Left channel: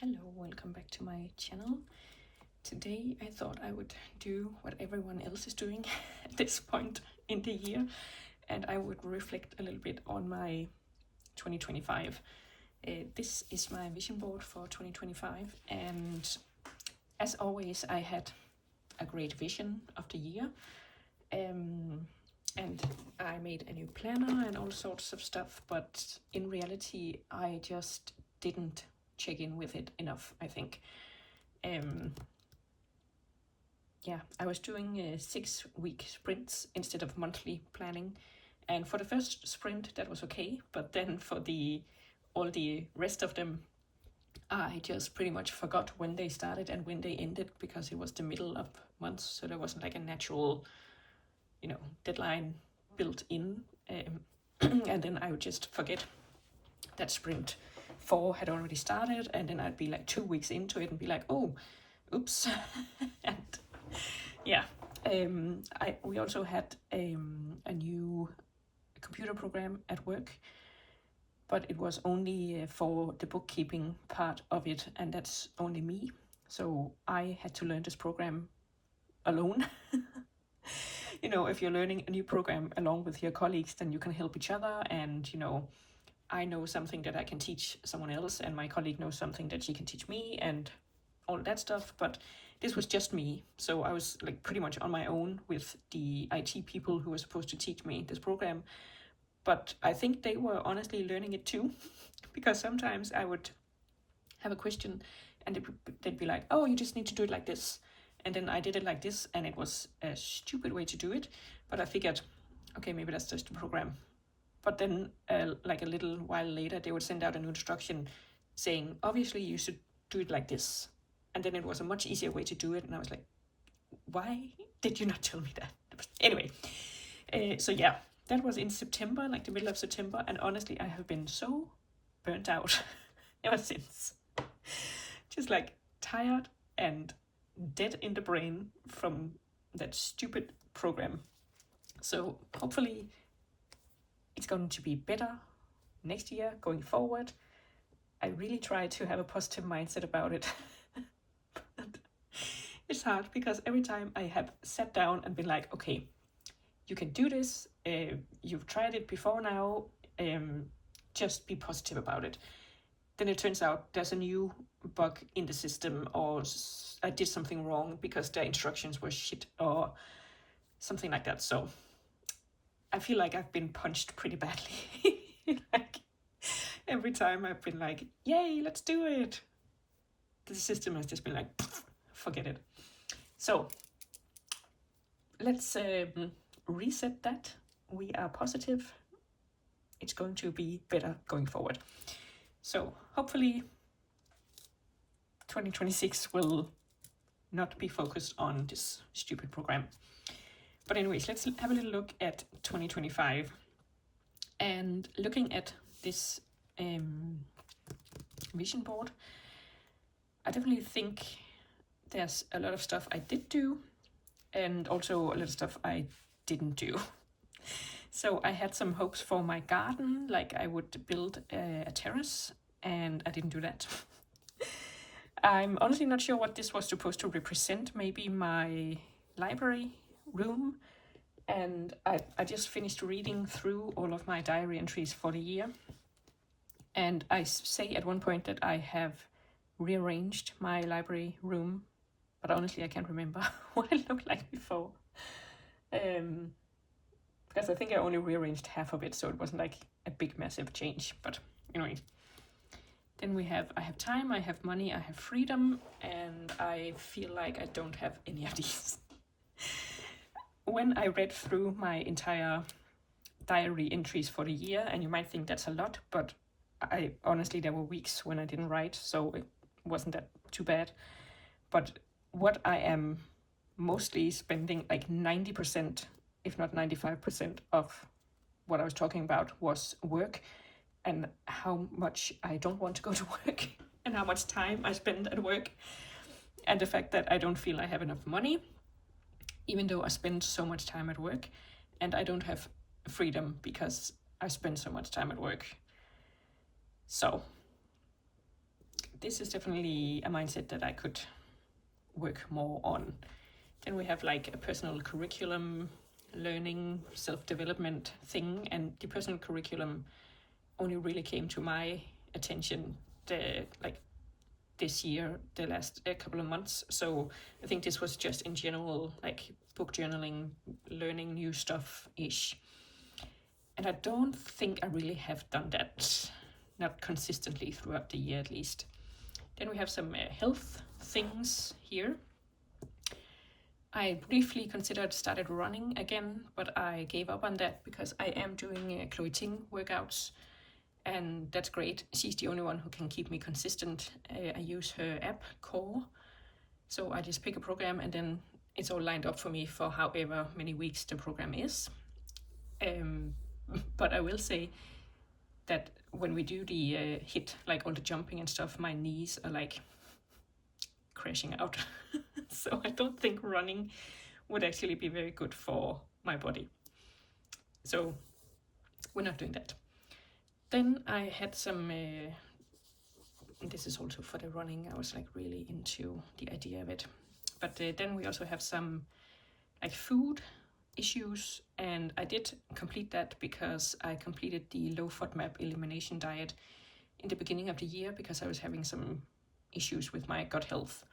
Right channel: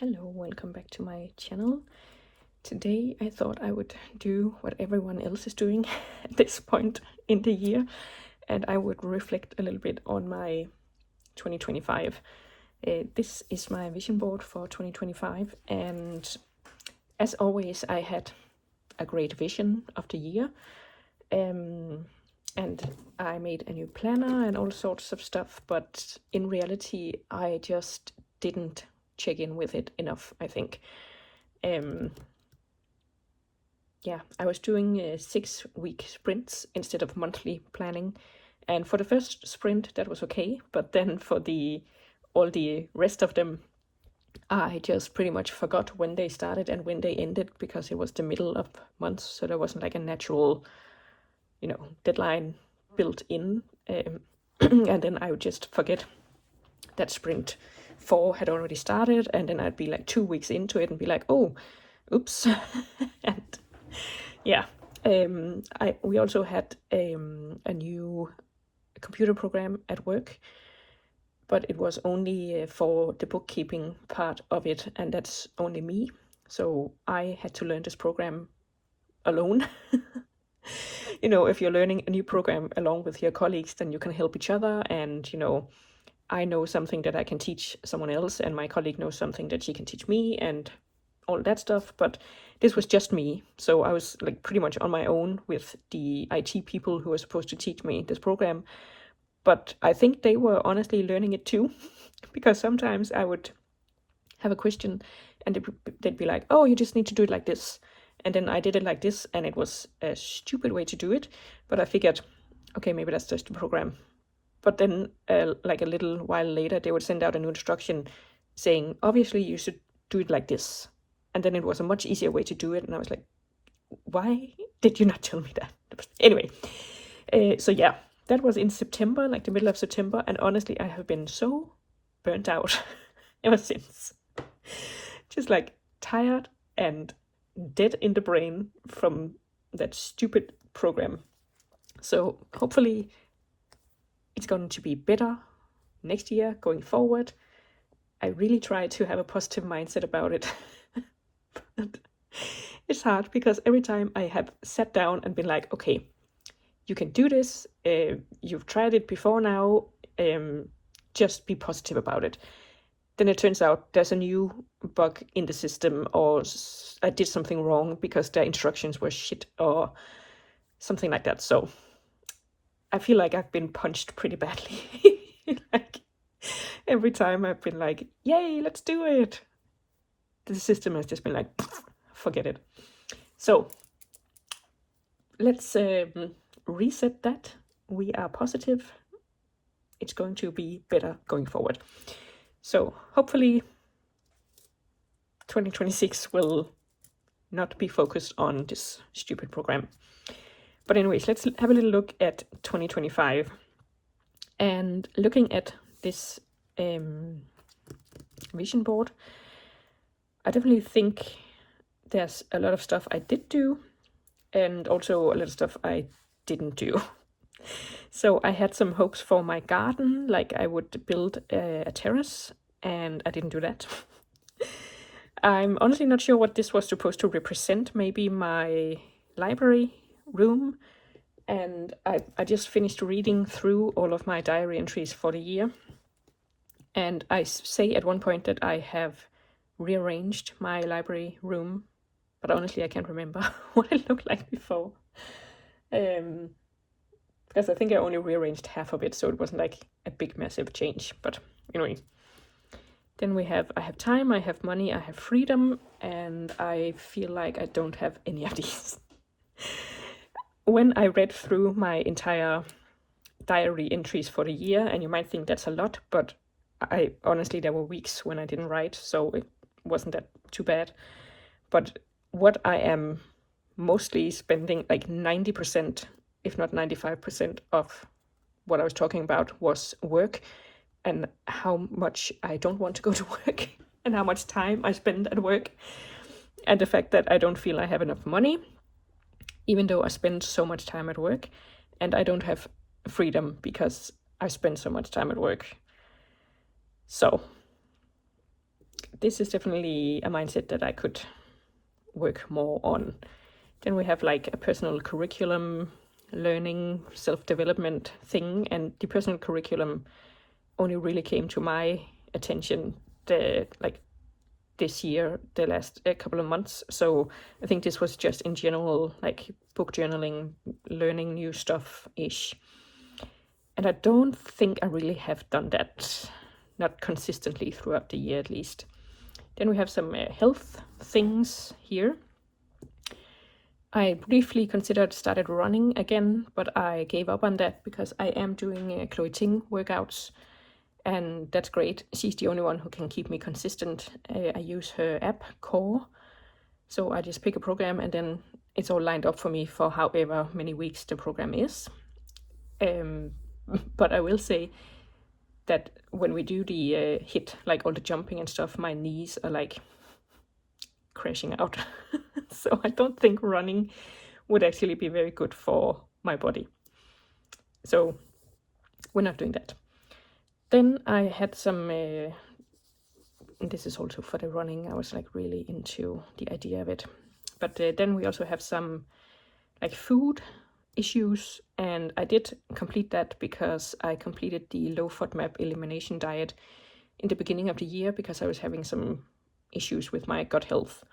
Hello, welcome back to my channel. Today I thought I would do what everyone else is doing at this point in the year, and I would reflect a little bit on my 2025. This is my vision board for 2025, and as always I had a great vision of the year, and I made a new planner and all sorts of stuff, but in reality I just didn't check in with it enough, I think. Yeah, I was doing 6-week sprints instead of monthly planning, and for the first sprint that was okay, but then for all the rest of them I just pretty much forgot when they started and when they ended, because it was the middle of months, so there wasn't like a natural deadline built in. And then I would just forget that sprint 4 had already started, and then I'd be like 2 weeks into it and be like, oh, oops. And yeah, we also had a new computer program at work, but it was only for the bookkeeping part of it, and that's only me. So I had to learn this program alone. If you're learning a new program along with your colleagues, then you can help each other, and I know something that I can teach someone else, and my colleague knows something that she can teach me, and all that stuff. But this was just me, so I was like pretty much on my own with the IT people who were supposed to teach me this program. But I think they were honestly learning it too, because sometimes I would have a question and they'd be like, oh, you just need to do it like this, and then I did it like this, and it was a stupid way to do it, but I figured, okay, maybe that's just the program. But then like a little while later they would send out a new instruction saying, obviously you should do it like this, and then it was a much easier way to do it, and I was like, why did you not tell me that? Anyway, so yeah, that was in September, like the middle of September, and honestly I have been so burnt out ever since. Just like tired and dead in the brain from that stupid program. So hopefully it's going to be better next year going forward. I really try to have a positive mindset about it. It's hard because every time I have sat down and been like, okay, you can do this, you've tried it before now, just be positive about it. Then it turns out there's a new bug in the system, or I did something wrong because the instructions were shit or something like that. So I feel like I've been punched pretty badly. Like every time I've been like, yay, let's do it, the system has just been like, forget it. So let's reset that. We are positive. It's going to be better going forward. So hopefully 2026 will not be focused on this stupid program. But anyways, let's have a little look at 2025. And looking at this vision board, I definitely think there's a lot of stuff I did do, and also a lot of stuff I didn't do. So I had some hopes for my garden, like I would build a terrace, and I didn't do that. I'm honestly not sure what this was supposed to represent. Maybe my library room. And I just finished reading through all of my diary entries for the year, and I say at one point that I have rearranged my library room, but honestly I can't remember what it looked like before, because I think I only rearranged half of it, so it wasn't like a big massive change. But anyway, then I have time, I have money, I have freedom, and I feel like I don't have any of these. When I read through my entire diary entries for the year, and you might think that's a lot, but I honestly, there were weeks when I didn't write, so it wasn't that too bad. But what I am mostly spending, like 90%, if not 95% of what I was talking about was work, and how much I don't want to go to work, and how much time I spend at work, and the fact that I don't feel I have enough money, even though I spend so much time at work, and I don't have freedom because I spend so much time at work. So this is definitely a mindset that I could work more on. Then we have like a personal curriculum, learning, self-development thing, and the personal curriculum only really came to my attention this year, the last couple of months. So I think this was just in general, like book journaling, learning new stuff ish. And I don't think I really have done that, not consistently throughout the year at least. Then we have some health things here. I briefly started running again, but I gave up on that because I am doing Chloe Ting workouts, and that's great. She's the only one who can keep me consistent. I use her app, Core, so I just pick a program and then it's all lined up for me for however many weeks the program is. But I will say that when we do the HIIT, like all the jumping and stuff, my knees are like crashing out. So I don't think running would actually be very good for my body. So we're not doing that. Then I had some, this is also for the running, I was like really into the idea of it. But then we also have some like food issues, and I did complete that because I completed the low FODMAP elimination diet in the beginning of the year because I was having some issues with my gut health.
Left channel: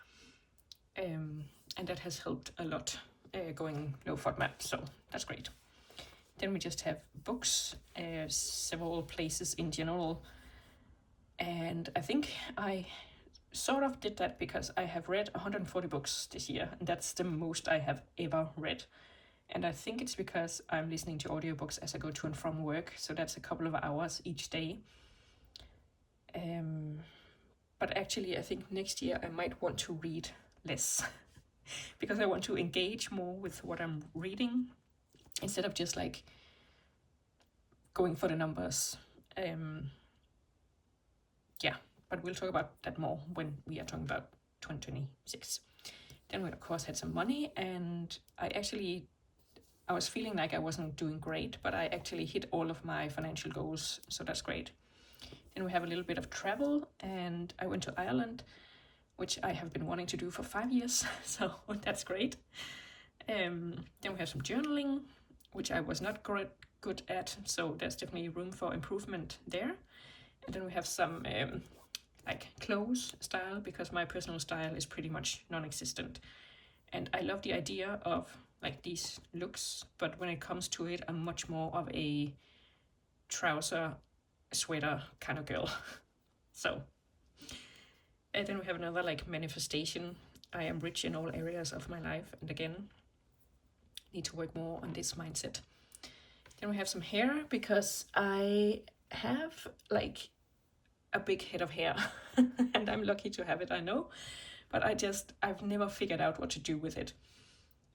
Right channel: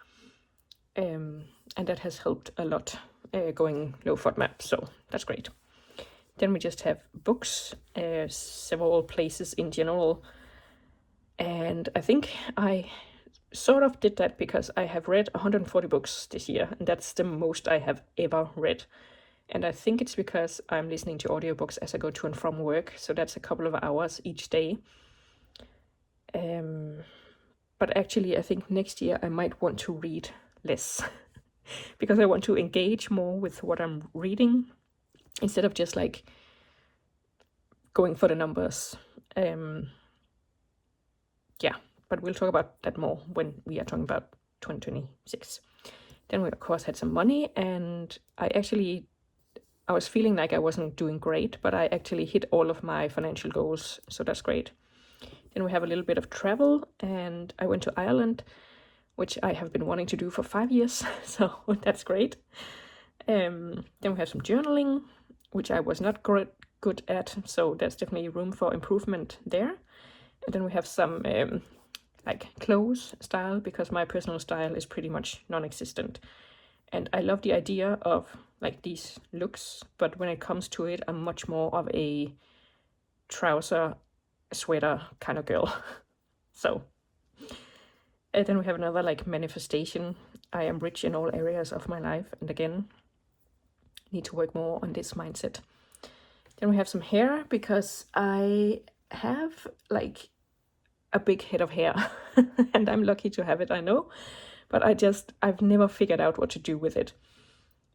And that has helped a lot going low FODMAP, so that's great. Then we just have books, several places in general, and I think I sort of did that because I have read 140 books this year, and that's the most I have ever read. And I think it's because I'm listening to audiobooks as I go to and from work, so that's a couple of hours each day. But actually I think next year I might want to read less because I want to engage more with what I'm reading instead of just like going for the numbers. Yeah, but we'll talk about that more when we are talking about 2026. Then we of course had some money, and I was feeling like I wasn't doing great, but I actually hit all of my financial goals, so that's great. Then we have a little bit of travel, and I went to Ireland, which I have been wanting to do for 5 years, so that's great. Then we have some journaling, which I was not good at, so there's definitely room for improvement there. And then we have some like clothes style, because my personal style is pretty much non-existent. And I love the idea of like these looks, but when it comes to it, I'm much more of a trouser, sweater kind of girl. So and then we have another like manifestation. I am rich in all areas of my life, and again, need to work more on this mindset. Then we have some hair, because I have like a big head of hair and I'm lucky to have it, I know, but I've never figured out what to do with it.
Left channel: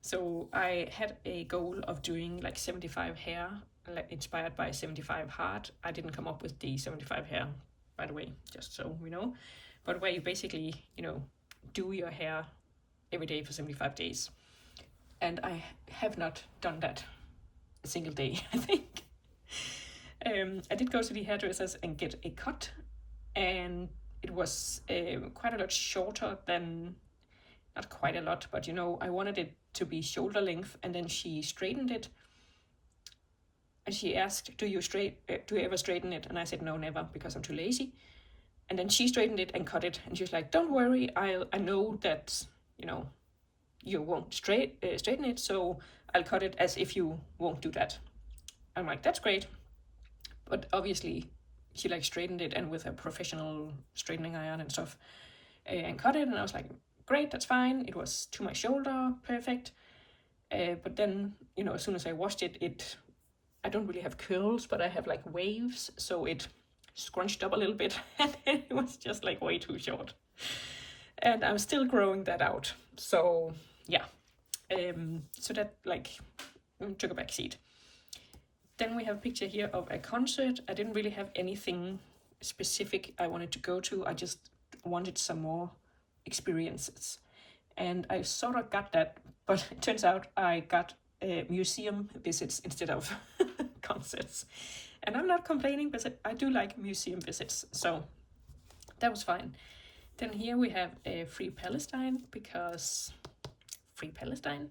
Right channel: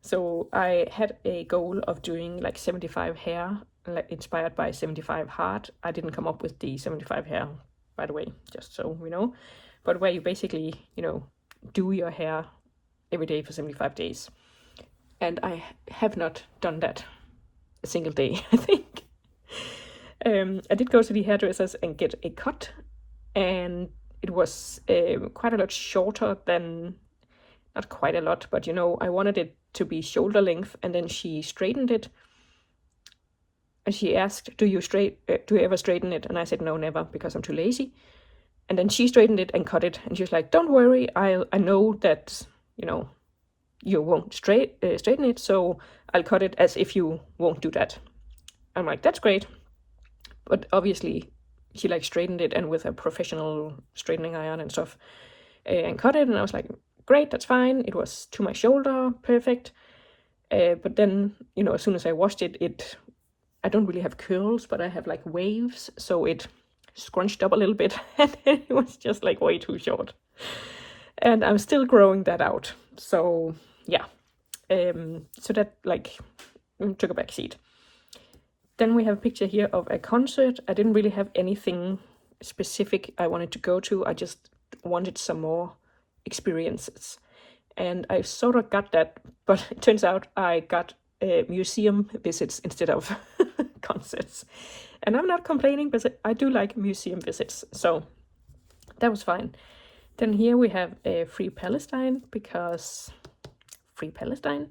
So I had a goal of doing like 75 hair, like inspired by 75 hard. I didn't come up with the 75 hair, by the way, just so we know, but where you basically, do your hair every day for 75 days. And I have not done that a single day, I think. I did go to the hairdressers and get a cut, and it was quite a lot shorter than, not quite a lot, but I wanted it to be shoulder length, and then she straightened it, and she asked, do you ever straighten it? And I said no, never, because I'm too lazy. And then she straightened it and cut it, and she was like, don't worry, I know that you won't straighten it, so I'll cut it as if you won't do that. I'm like, that's great. But obviously she like straightened it, and with a professional straightening iron and stuff, and cut it, and I was like, great, that's fine. It was to my shoulder, perfect. But then, as soon as I washed it, I don't really have curls, but I have like waves, so it scrunched up a little bit, and it was just like way too short. And I'm still growing that out. So yeah, so that like took a back seat. Then we have a picture here of a concert. I didn't really have anything specific I wanted to go to. I just wanted some more experiences. And I sort of got that, but it turns out I got museum visits instead of concerts. And I'm not complaining, because I do like museum visits, so that was fine. Then here we have Free Palestine, because Free Palestine.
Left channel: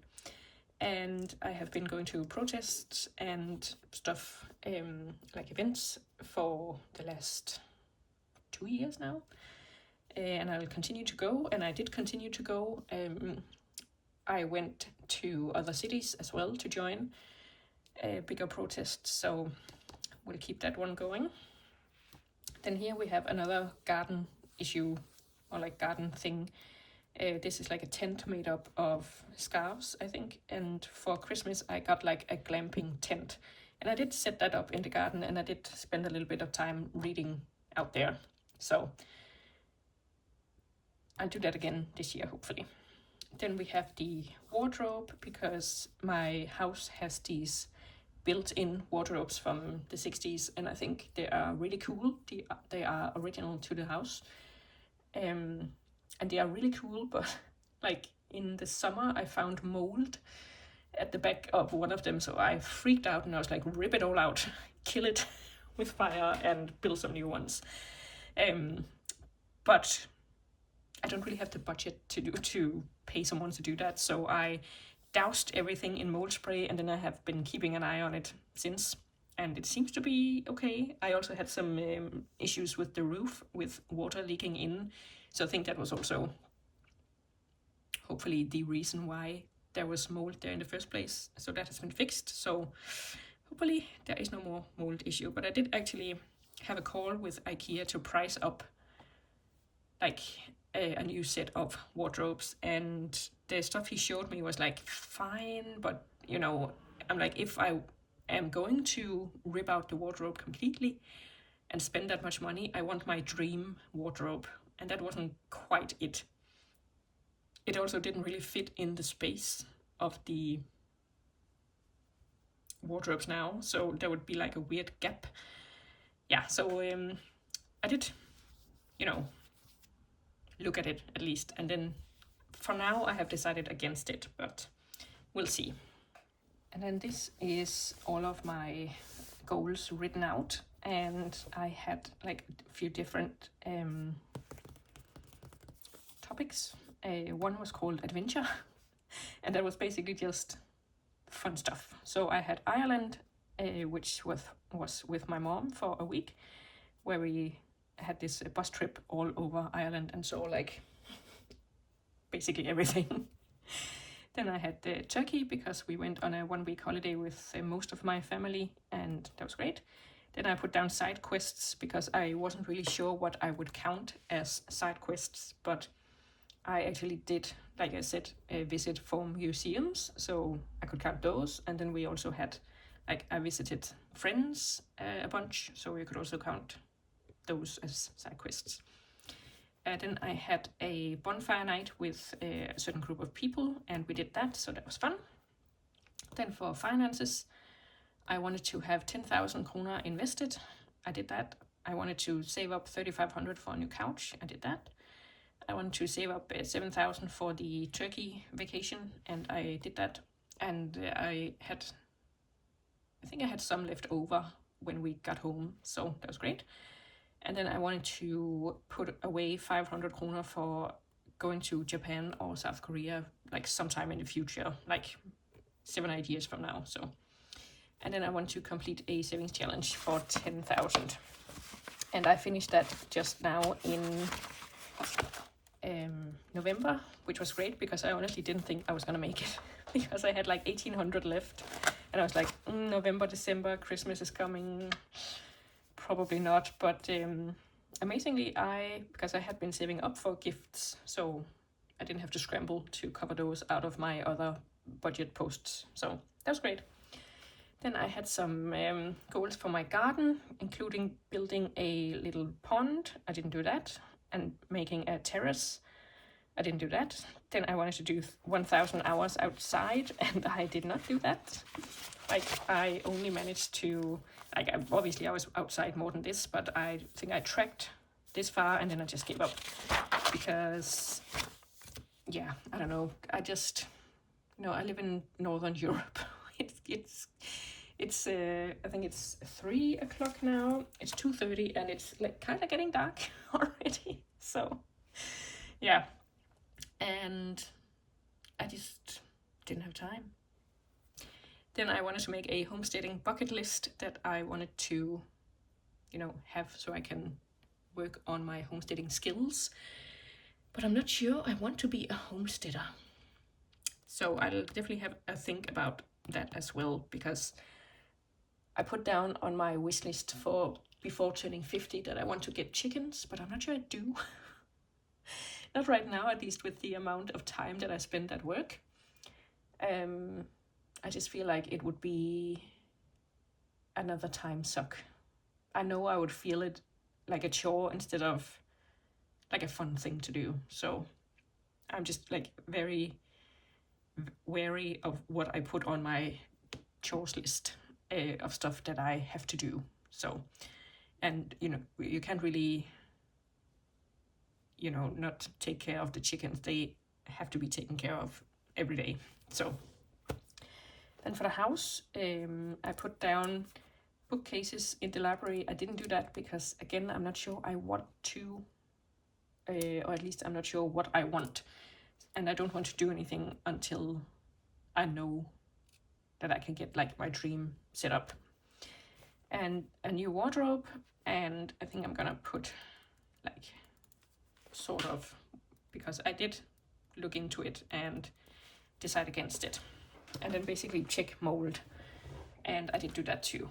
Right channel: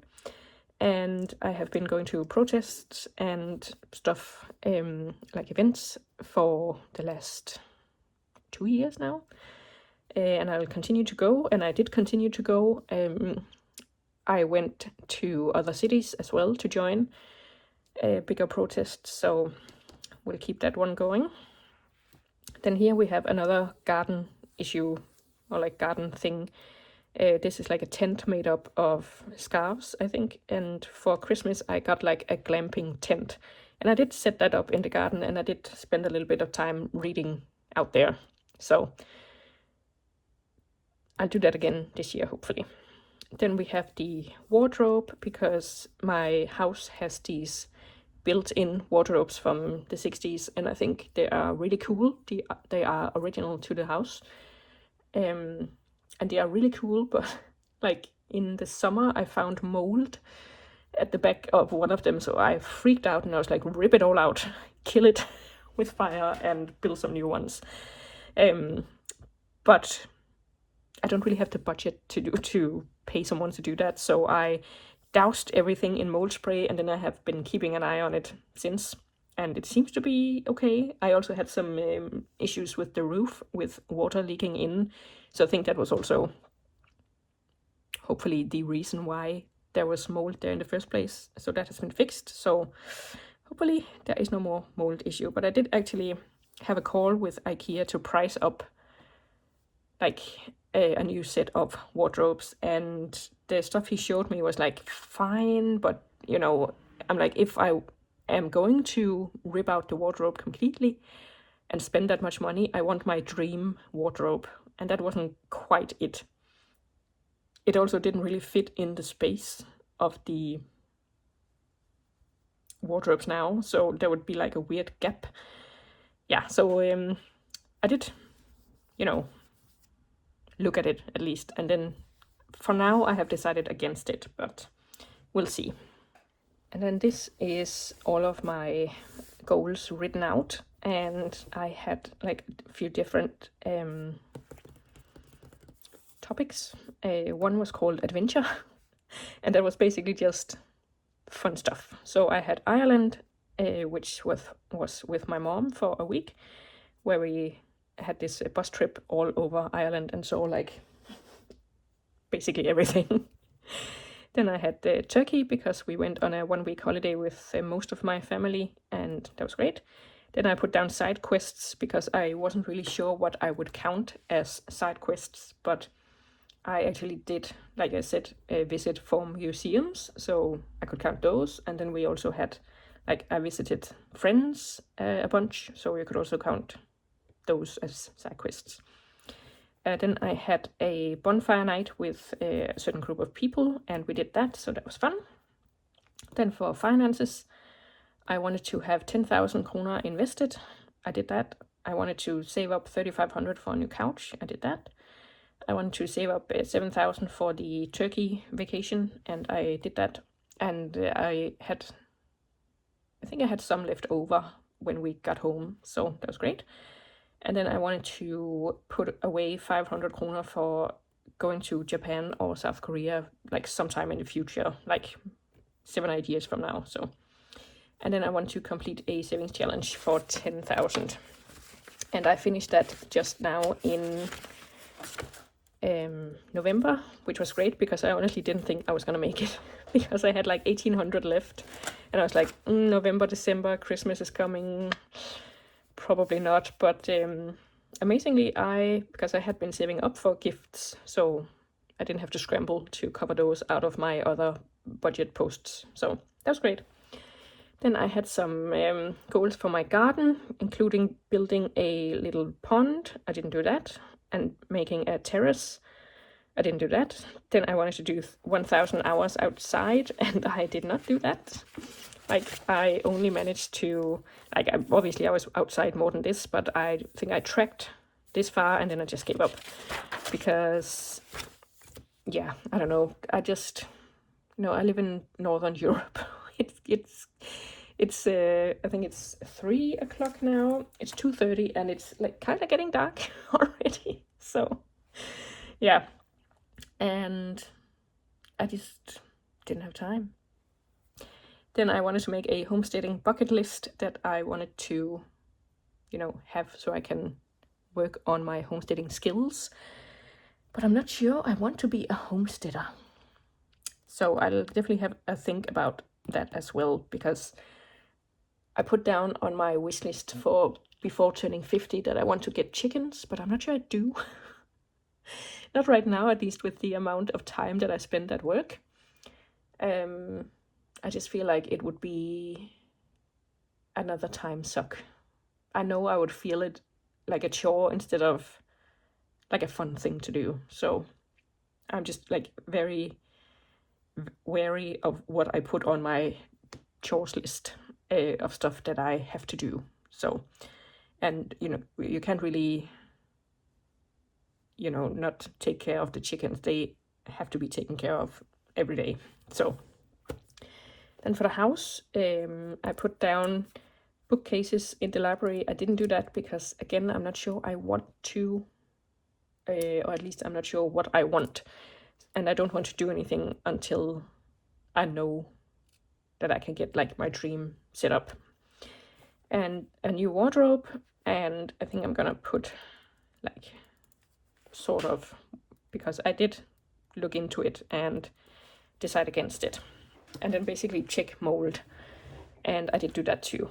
And I have been going to protests and stuff, like events, for the last 2 years now. And I'll continue to go, and I did continue to go. I went to other cities as well to join bigger protests, so we'll keep that one going. Then here we have another garden issue, or like garden thing. This is like a tent made up of scarves, I think, and for Christmas I got like a glamping tent, and I did set that up in the garden, and I did spend a little bit of time reading out there, so I'll do that again this year, hopefully. Then we have the wardrobe, because my house has these built-in wardrobes from the 60s, and I think they are really cool. They are original to the house, and they are really cool, but like in the summer I found mold at the back of one of them, so I freaked out and I was like, rip it all out, kill it with fire and build some new ones. But I don't really have the budget to pay someone to do that, so I doused everything in mold spray, and then I have been keeping an eye on it since, and it seems to be okay. I also had some issues with the roof, with water leaking in, so I think that was also hopefully the reason why there was mold there in the first place. So that has been fixed, so hopefully there is no more mold issue. But I did actually have a call with IKEA to price up like a new set of wardrobes, and the stuff he showed me was like fine, but you know, I'm like, if I am going to rip out the wardrobe completely and spend that much money, I want my dream wardrobe, and that wasn't quite it. It also didn't really fit in the space of the wardrobes now, so there would be like a weird gap. Yeah, so I did, you know, look at it at least, and then for now I have decided against it, but we'll see. And then this is all of my goals written out, and I had like a few different topics. One was called adventure, and that was basically just fun stuff. So I had Ireland, which was with my mom for a week, where we had this bus trip all over Ireland and saw like basically everything. Then I had Turkey, because we went on a 1-week holiday with most of my family, and that was great. Then I put down side quests, because I wasn't really sure what I would count as side quests, but I actually did, like I said, visit 4 museums, so I could count those. And then we also had, like, I visited friends a bunch, so you could also count those as side quests. Then I had a bonfire night with a certain group of people, and we did that, so that was fun. Then for finances, I wanted to have 10,000 kroner invested. I did that. I wanted to save up 3,500 for a new couch. I did that. I wanted to save up 7,000 for the Turkey vacation, and I did that. And I think I had some left over when we got home, so that was great. And then I wanted to put away 500 kroner for going to Japan or South Korea, like sometime in the future, like 7-8 years from now. So, and then I want to complete a savings challenge for 10,000, and I finished that just now in November, which was great, because I honestly didn't think I was gonna make it because I had like 1,800 left, and I was like, November, December, Christmas is coming, probably not. But amazingly, because I had been saving up for gifts, so I didn't have to scramble to cover those out of my other budget posts, so that was great. Then I had some goals for my garden, including building a little pond. I didn't do that. And making a terrace. I didn't do that. Then I wanted to do 1,000 hours outside, and I did not do that. Like, I only managed to, like, obviously I was outside more than this, but I think I trekked this far, and then I just gave up, because, yeah, I don't know, I just, I live in Northern Europe. It's I think it's 3 o'clock now. It's 2:30, and it's like kind of getting dark already. So Yeah, and I just didn't have time. Then I wanted to make a homesteading bucket list that I wanted to, have so I can work on my homesteading skills. But I'm not sure I want to be a homesteader. So I'll definitely have a think about that as well, because I put down on my wish list for before turning 50 that I want to get chickens, but I'm not sure I do. Not right now, at least with the amount of time that I spend at work. I just feel like it would be another time suck. I know I would feel it like a chore instead of like a fun thing to do. So I'm just like very wary of what I put on my chores list of stuff that I have to do. So, and you can't really, not take care of the chickens. They have to be taken care of every day. So, then for the house, I put down bookcases in the library. I didn't do that because, again, I'm not sure I want to, or at least I'm not sure what I want. And I don't want to do anything until I know that I can get like my dream set up. And a new wardrobe, and I think I'm gonna put like sort of, because I did look into it and decide against it. And then basically check mold. And I did do that too.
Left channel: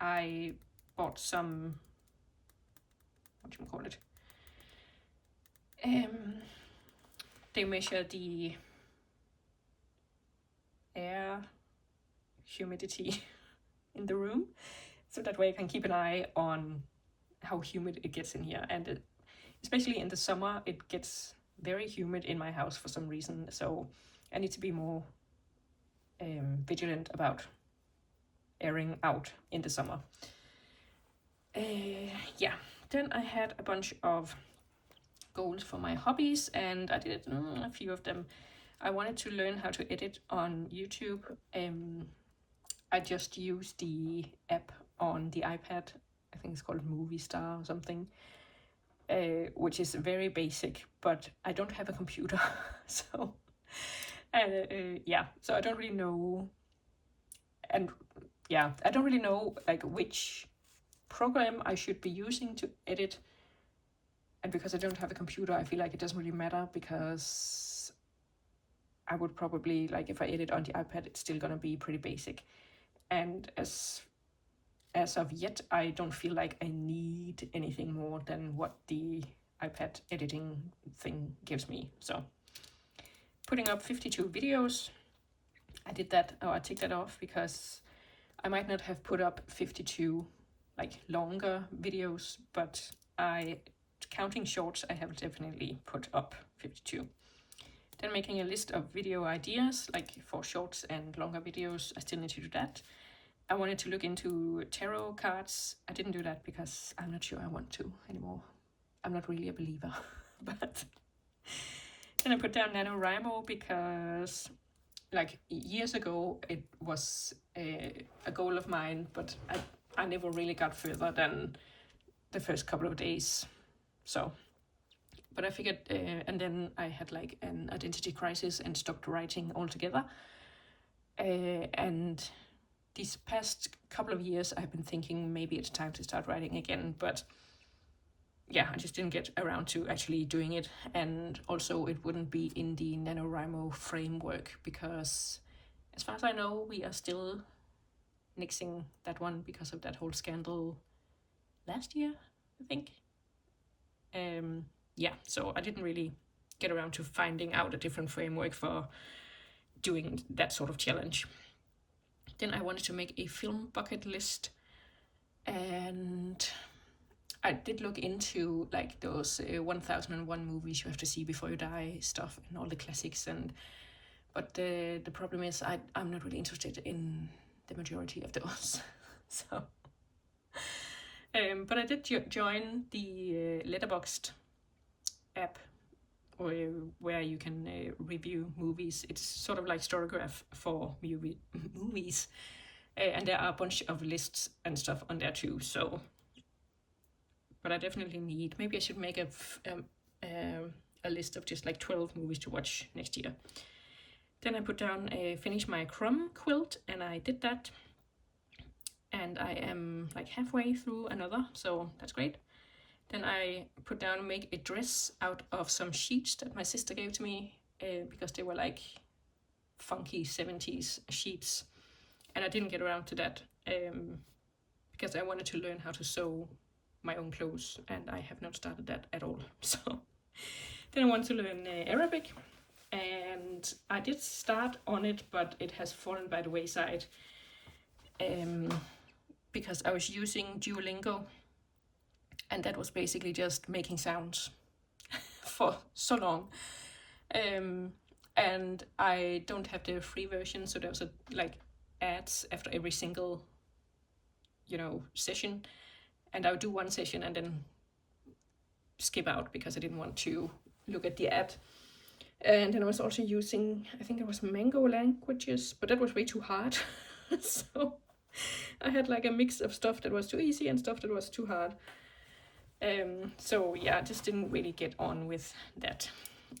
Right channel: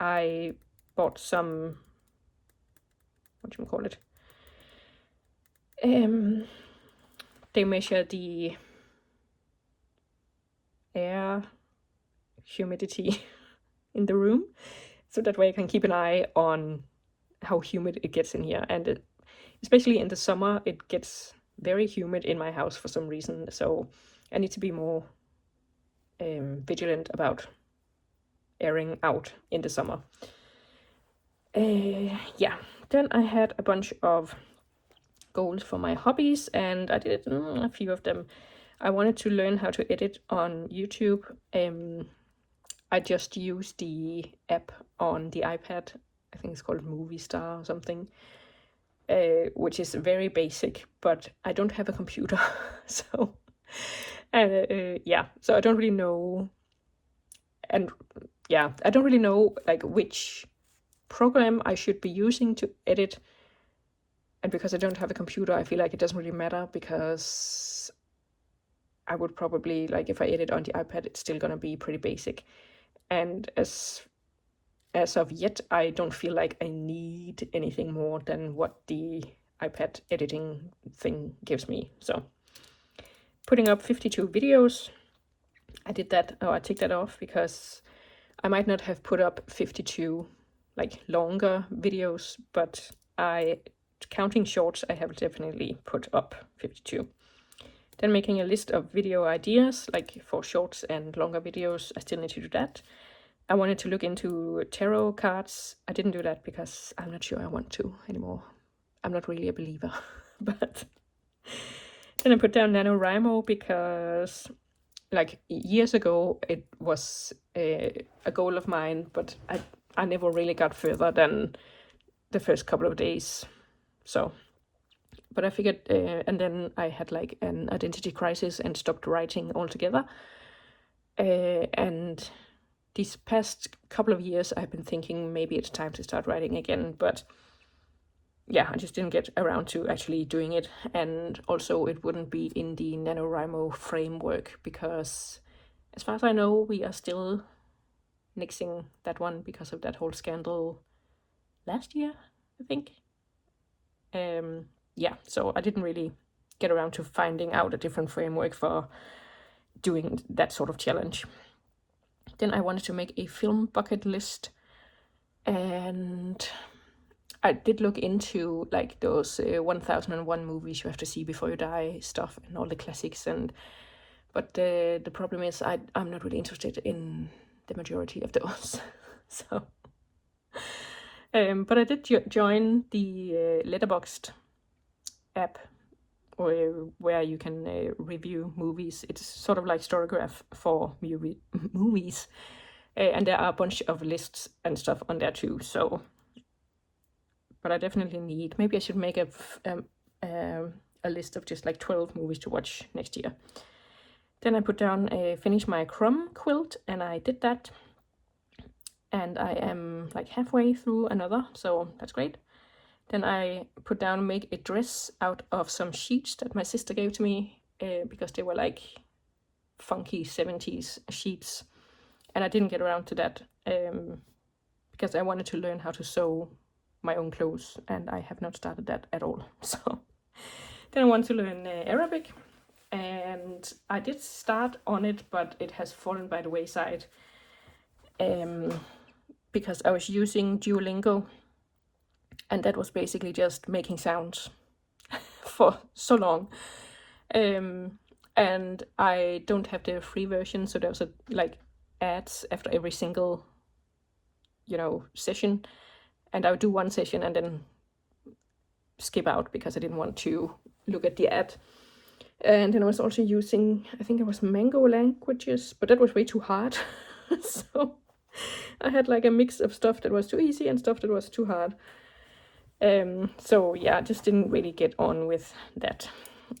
I bought some, what do you call it? They measure the air humidity in the room, so that way I can keep an eye on how humid it gets in here. And especially in the summer, it gets very humid in my house for some reason, so I need to be more vigilant about airing out in the summer. Yeah, then I had a bunch of goals for my hobbies, and I did a few of them. I wanted to learn how to edit on YouTube. I just use the app on the iPad. I think it's called Movie Star or something, which is very basic, but I don't have a computer, so yeah, so I don't really know, and yeah, I don't really know like which program I should be using to edit. And because I don't have a computer, I feel like it doesn't really matter, because I would probably, like, if I edit on the iPad, it's still gonna be pretty basic. And as of yet, I don't feel like I need anything more than what the iPad editing thing gives me. So putting up 52 videos, I did that, I take that off because I might not have put up 52 like longer videos, but counting shorts, I have definitely put up 52. Then making a list of video ideas, like for shorts and longer videos, I still need to do that. I wanted to look into tarot cards. I didn't do that because I'm not sure I want to anymore. I'm not really a believer. But then I put down NaNoWriMo because like years ago it was a goal of mine, but I never really got further than the first couple of days. So, but I figured, and then I had like an identity crisis and stopped writing altogether. And these past couple of years I've been thinking maybe it's time to start writing again, but yeah, I just didn't get around to actually doing it. And also it wouldn't be in the NaNoWriMo framework, because as far as I know, we are still nixing that one because of that whole scandal last year, I think. Yeah, so I didn't really get around to finding out a different framework for doing that sort of challenge. Then I wanted to make a film bucket list, and I did look into like those 1001 movies you have to see before you die stuff and all the classics, but the problem is I'm not really interested in the majority of those. So but I did join the Letterboxd app, where you can review movies. It's sort of like Storygraph for movies, and there are a bunch of lists and stuff on there too. So, but I definitely need, maybe I should make a list of just like 12 movies to watch next year. Then I put down finish my crumb quilt, and I did that. And I am like halfway through another, so that's great. Then I put down make a dress out of some sheets that my sister gave to me because they were like funky 70s sheets. And I didn't get around to that because I wanted to learn how to sew my own clothes, and I have not started that at all. So then I want to learn Arabic, and I did start on it, but it has fallen by the wayside because I was using Duolingo, and that was basically just making sounds for so long. And I don't have the free version, so there was like ads after every single, session, and I would do one session and then skip out because I didn't want to look at the ad. And then I was also using, I think it was Mango Languages, but that was way too hard. So I had like a mix of stuff that was too easy and stuff that was too hard. So yeah, I just didn't really get on with that.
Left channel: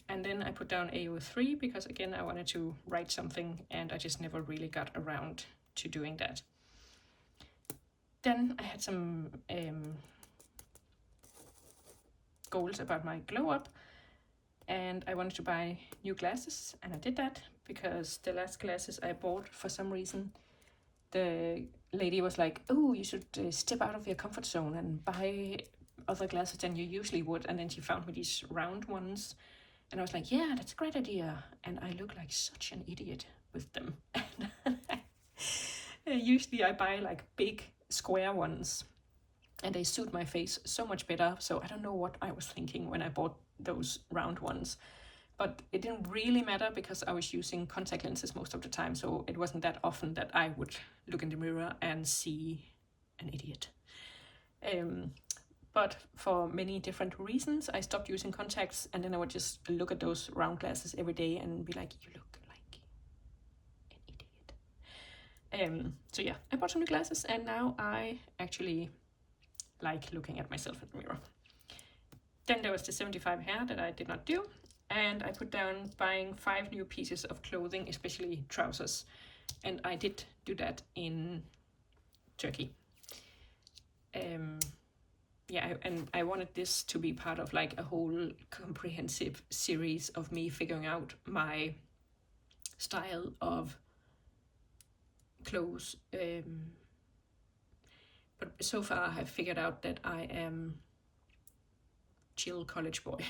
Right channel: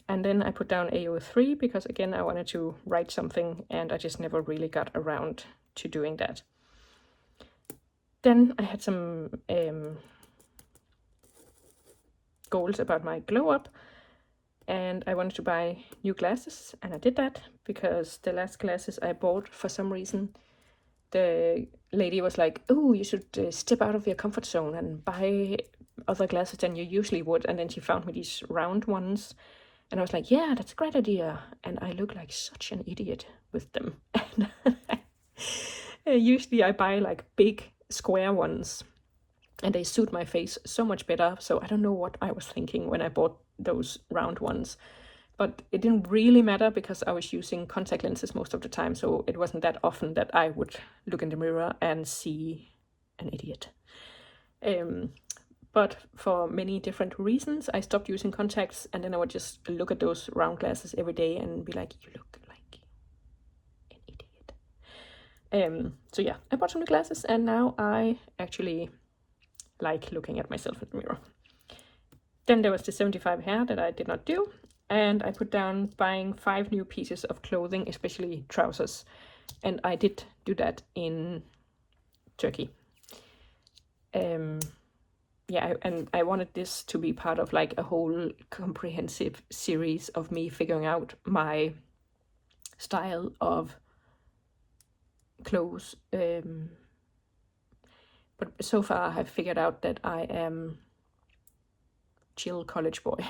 And then I put down AO3 because again I wanted to write something, and I just never really got around to doing that. Then I had some goals about my glow up, and I wanted to buy new glasses, and I did that because the last glasses I bought, for some reason, the lady was like, oh, you should step out of your comfort zone and buy other glasses than you usually would. And then she found me these round ones, and I was like, yeah, that's a great idea. And I look like such an idiot with them. Usually I buy like big square ones, and they suit my face so much better. So I don't know what I was thinking when I bought those round ones, but it didn't really matter because I was using contact lenses most of the time, so it wasn't that often that I would look in the mirror and see an idiot. But for many different reasons, I stopped using contacts, and then I would just look at those round glasses every day and be like, you look like an idiot. So yeah, I bought some new glasses, and now I actually like looking at myself in the mirror. Then there was the 75 hair that I did not do, and I put down buying 5 new pieces of clothing, especially trousers, and I did do that in Turkey. Yeah, and I wanted this to be part of like a whole comprehensive series of me figuring out my style of clothes. But so far I have figured out that I am chill college boy.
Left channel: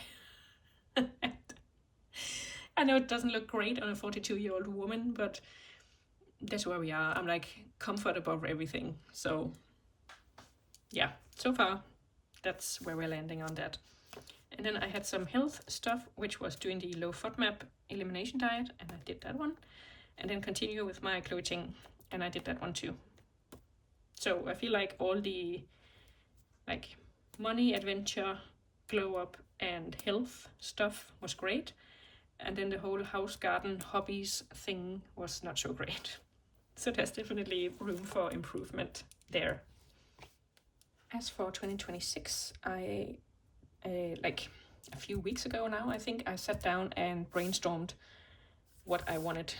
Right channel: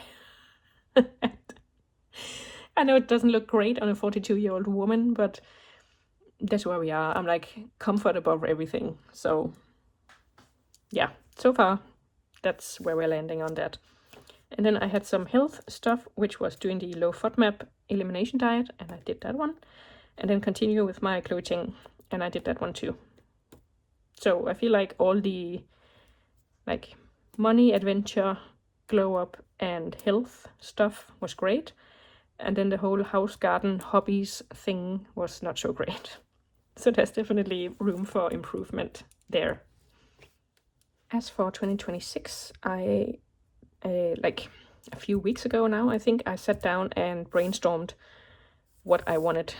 I know it doesn't look great on a 42-year-old woman, but that's where we are. I'm like comfort above everything. So yeah, so far that's where we're landing on that. And then I had some health stuff, which was doing the low FODMAP elimination diet, and I did that one. And then continue with my clothing, and I did that one too. So I feel like all the like money, adventure, glow up, and health stuff was great. And then the whole house, garden, hobbies thing was not so great. So there's definitely room for improvement there. As for 2026, I like a few weeks ago now, I think I sat down and brainstormed what I wanted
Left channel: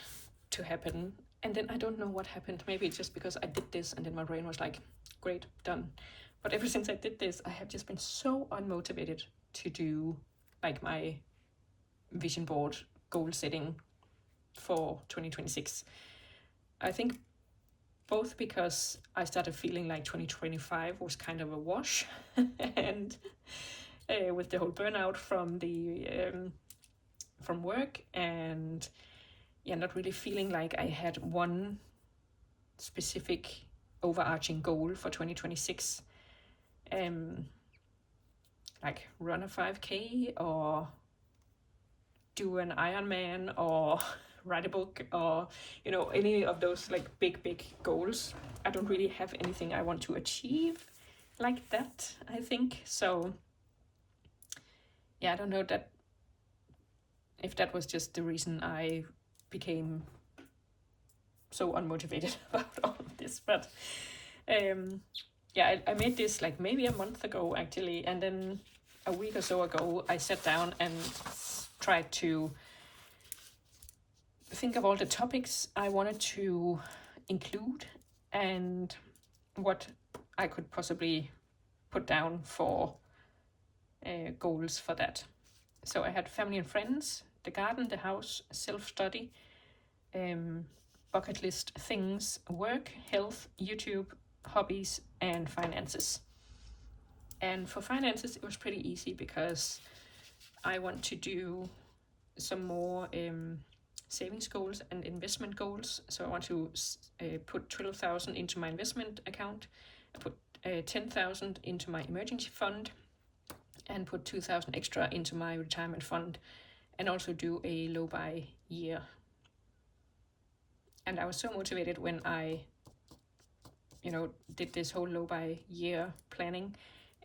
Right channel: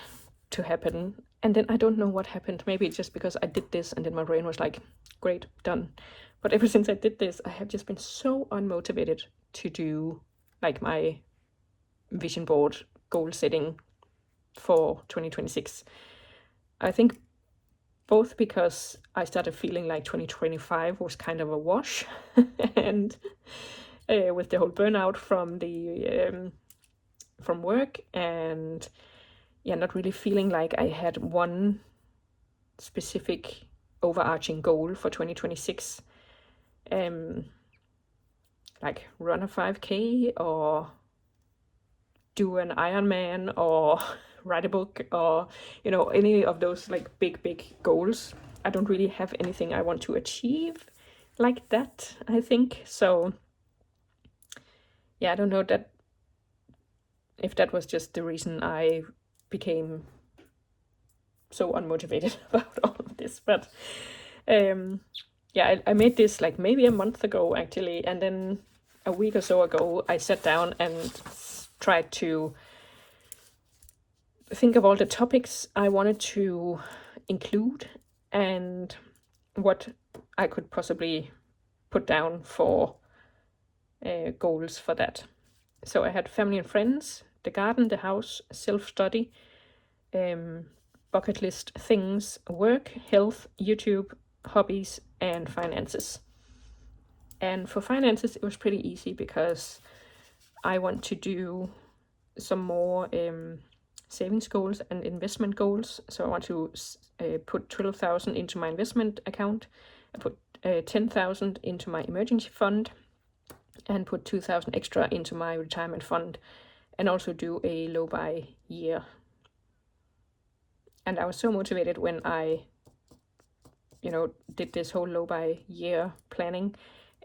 to happen. And then I don't know what happened. Maybe it's just because I did this and then my brain was like, great, done. But ever since I did this, I have just been so unmotivated to do like my vision board goal setting for 2026. I think both because I started feeling like 2025 was kind of a wash, and with the whole burnout from the from work, and yeah, not really feeling like I had one specific overarching goal for 2026, like run a 5K or do an Ironman or write a book or any of those like big goals. I don't really have anything I want to achieve like that, I think. So yeah, I don't know that if that was just the reason I became so unmotivated about all of this, but yeah, yeah, I made this like maybe a month ago actually, and then a week or so ago I sat down and tried to think of all the topics I wanted to include and what I could possibly put down for goals for that. So I had family and friends, the garden, the house, self-study, bucket list things, work, health, YouTube, hobbies, and finances. And for finances, it was pretty easy because I want to do some more savings goals and investment goals. So I want to put 12,000 into my investment account. I put 10,000 into my emergency fund and put 2,000 extra into my retirement fund, and also do a low buy year. And I was so motivated when I, did this whole low buy year planning.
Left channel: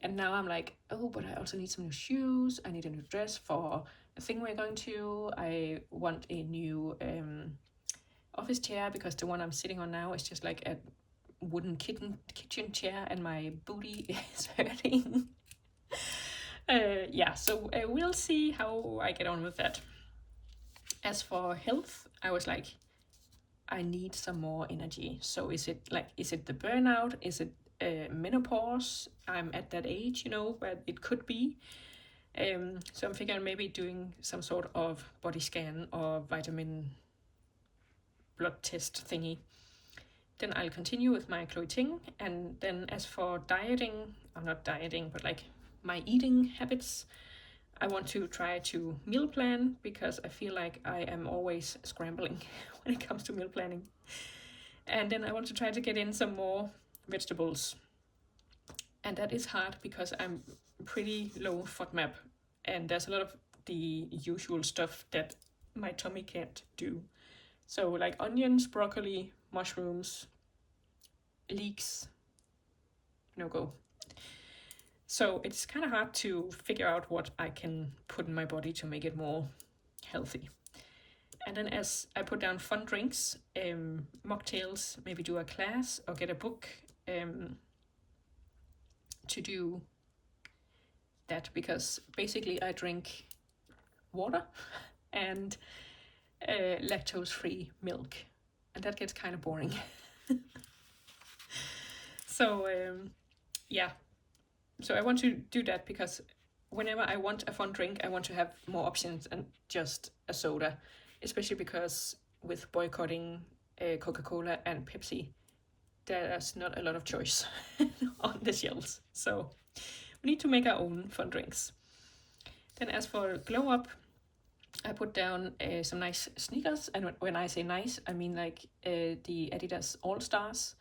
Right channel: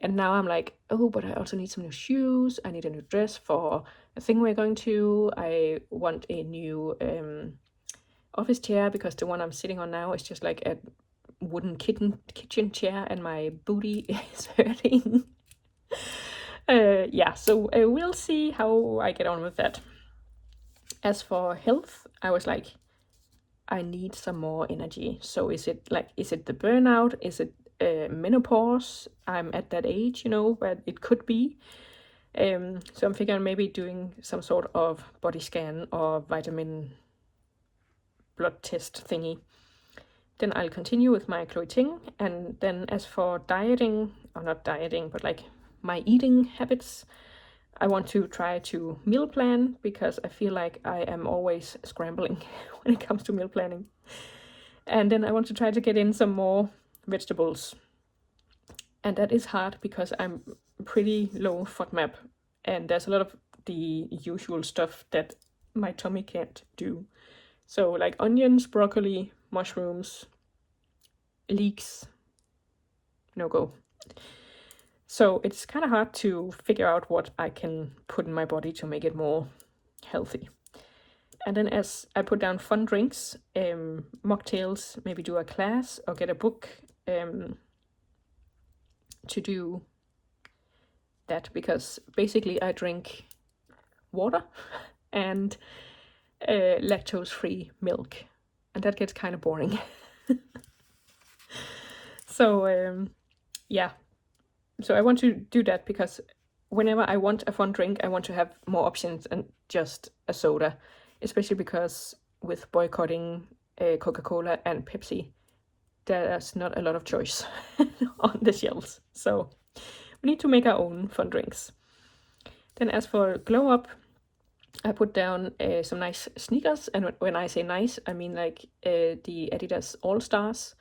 And now I'm like, oh, but I also need some new shoes. I need a new dress for a thing we're going to. I want a new office chair because the one I'm sitting on now is just like a wooden kitchen chair and my booty is hurting. So we'll see how I get on with that. As for health, I was like, I need some more energy. So is it the burnout? Is it menopause? I'm at that age, but it could be. So I'm figuring maybe doing some sort of body scan or vitamin blood test thingy. Then I'll continue with my Chloe Ting. And then as for dieting, or not dieting, but like my eating habits, I want to try to meal plan because I feel like I am always scrambling when it comes to meal planning. And then I want to try to get in some more vegetables. And that is hard because I'm pretty low FODMAP, and there's a lot of the usual stuff that my tummy can't do. So like onions, broccoli, mushrooms, leeks, no go. So it's kind of hard to figure out what I can put in my body to make it more healthy. And then as I put down fun drinks, mocktails, maybe do a class or get a book to do that, because basically I drink water and lactose-free milk, and that gets kind of boring. So so I want to do that because whenever I want a fun drink, I want to have more options than just a soda, especially because with boycotting Coca-Cola and Pepsi, there's not a lot of choice on the shelves. So we need to make our own fun drinks. Then as for glow up, I put down some nice sneakers, and when I say nice, I mean like the Adidas All Stars,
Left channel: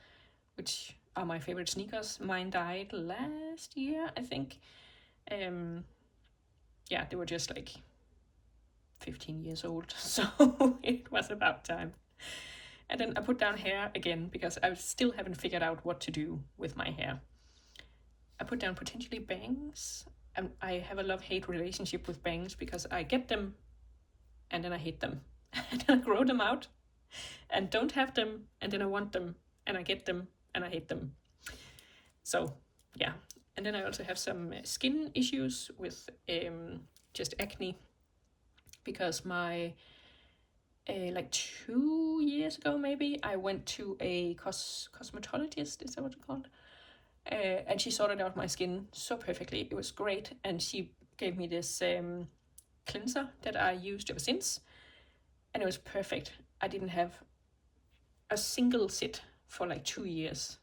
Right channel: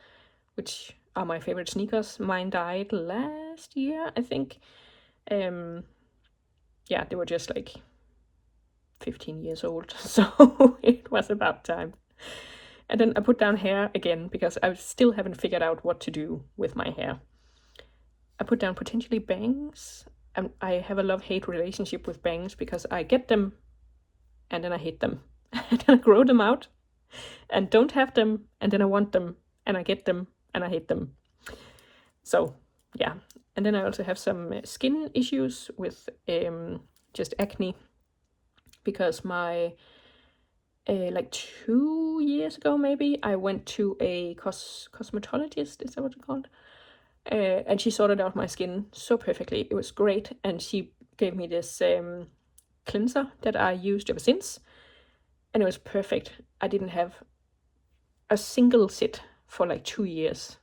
which are my favorite sneakers. Mine died last year, I think. They were just like 15 years old, so it was about time. And then I put down hair again because I still haven't figured out what to do with my hair. I put down potentially bangs. I have a love-hate relationship with bangs because I get them and then I hate them. And then I grow them out and don't have them, and then I want them and I get them and I hate them. So yeah. And then I also have some skin issues with just acne, because my like 2 years ago maybe I went to a cosmetologist, is that what it's called? And she sorted out my skin so perfectly. It was great, and she gave me this cleanser that I used ever since, and it was perfect. I didn't have a single sit for like 2 years,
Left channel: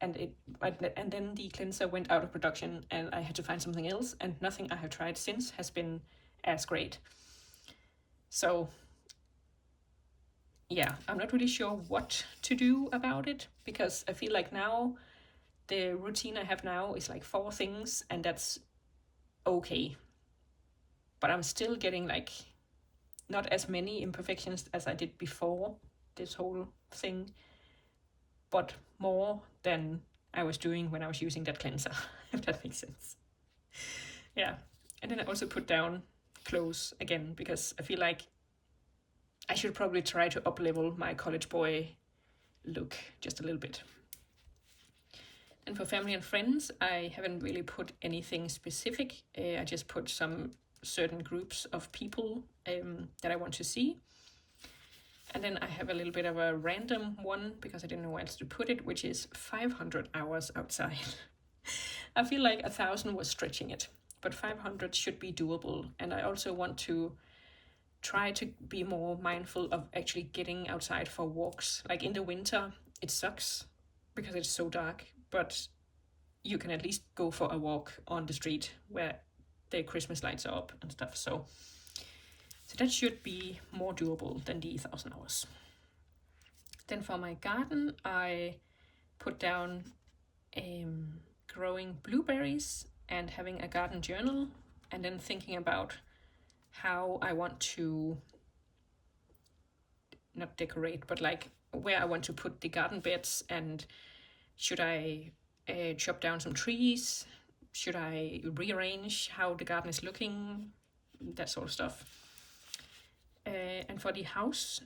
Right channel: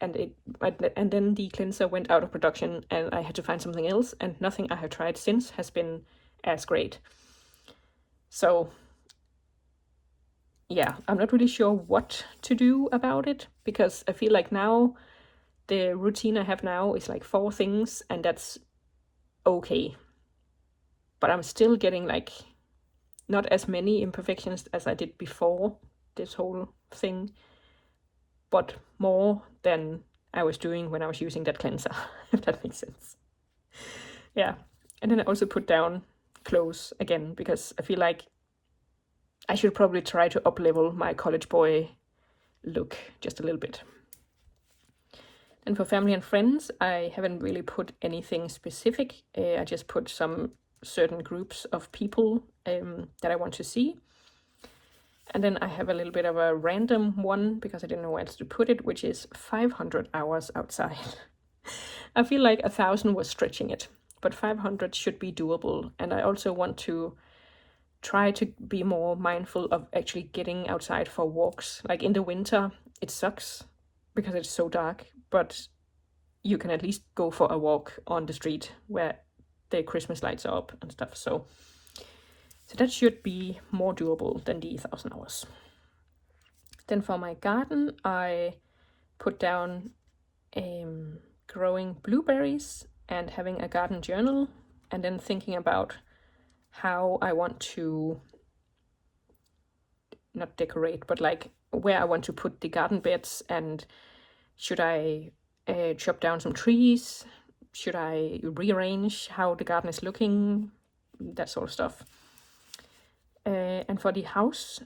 and then the cleanser went out of production and I had to find something else, and nothing I have tried since has been as great. So yeah, I'm not really sure what to do about it, because I feel like now the routine I have now is like 4 things, and that's okay. But I'm still getting like not as many imperfections as I did before this whole thing, but more than I was doing when I was using that cleanser, if that makes sense. Yeah. And then I also put down clothes again, because I feel like I should probably try to up-level my college boy look just a little bit. And for family and friends, I haven't really put anything specific. I just put some certain groups of people that I want to see. And then I have a little bit of a random one because I didn't know where else to put it, which is 500 hours outside. I feel like 1,000 was stretching it, but 500 should be doable. And I also want to try to be more mindful of actually getting outside for walks. Like in the winter, it sucks because it's so dark, but you can at least go for a walk on the street where the Christmas lights are up and stuff. So that should be more doable than the 1,000 hours. Then for my garden, I put down growing blueberries and having a garden journal, and then thinking about how I want to not decorate, but like where I want to put the garden beds, and should I chop down some trees? Should I rearrange how the garden is looking? That sort of stuff. And for the house,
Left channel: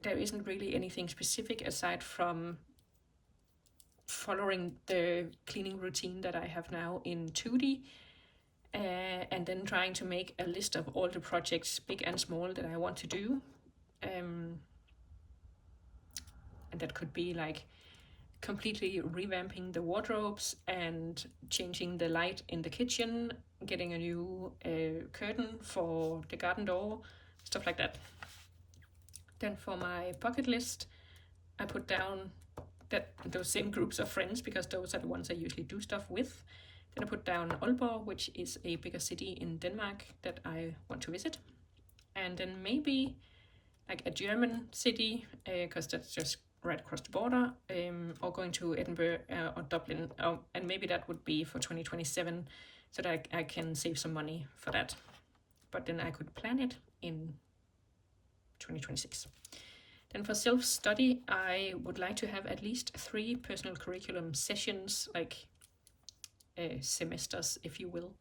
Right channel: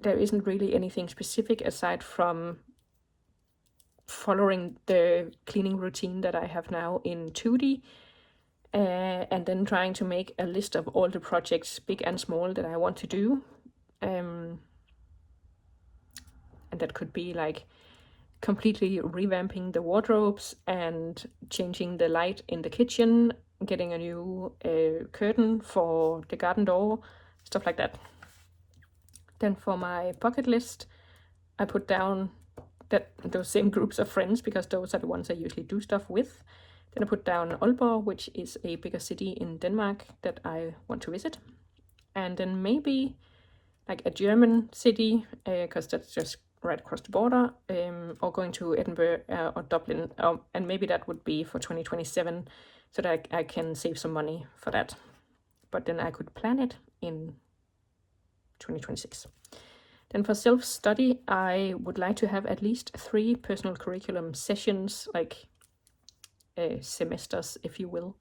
there isn't really anything specific aside from following the cleaning routine that I have now in 2D, and then trying to make a list of all the projects, big and small, that I want to do. And that could be like completely revamping the wardrobes and changing the light in the kitchen, getting a new curtain for the garden door, stuff like that. Then for my bucket list, I put down those same groups of friends because those are the ones I usually do stuff with. Then I put down Aalborg, which is a bigger city in Denmark that I want to visit. And then maybe like a German city, because that's just right across the border, or going to Edinburgh or Dublin, and maybe that would be for 2027, so that I can save some money for that. But then I could plan it in 2026. Then for self-study, I would like to have at least 3 personal curriculum sessions, like semesters, if you will.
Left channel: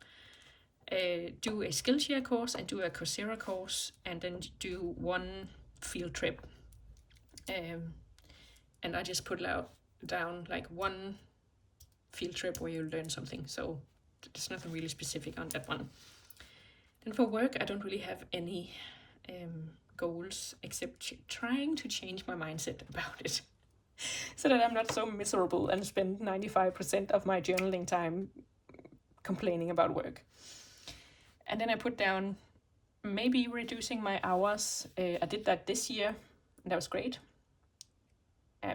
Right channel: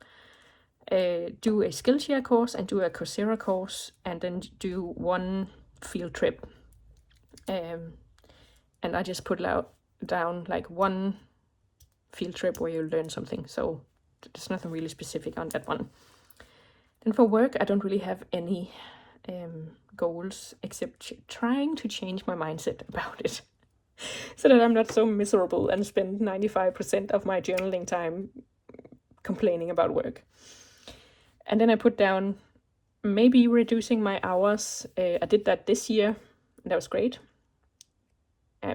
Do a Skillshare course and do a Coursera course, and then do 1 field trip. And I just put down like 1 field trip where you learn something, so there's nothing really specific on that one. Then for work, I don't really have any goals except trying to change my mindset about it so that I'm not so miserable and spend 95% of my journaling time complaining about work. And then I put down maybe reducing my hours. I did that this year, and that was great.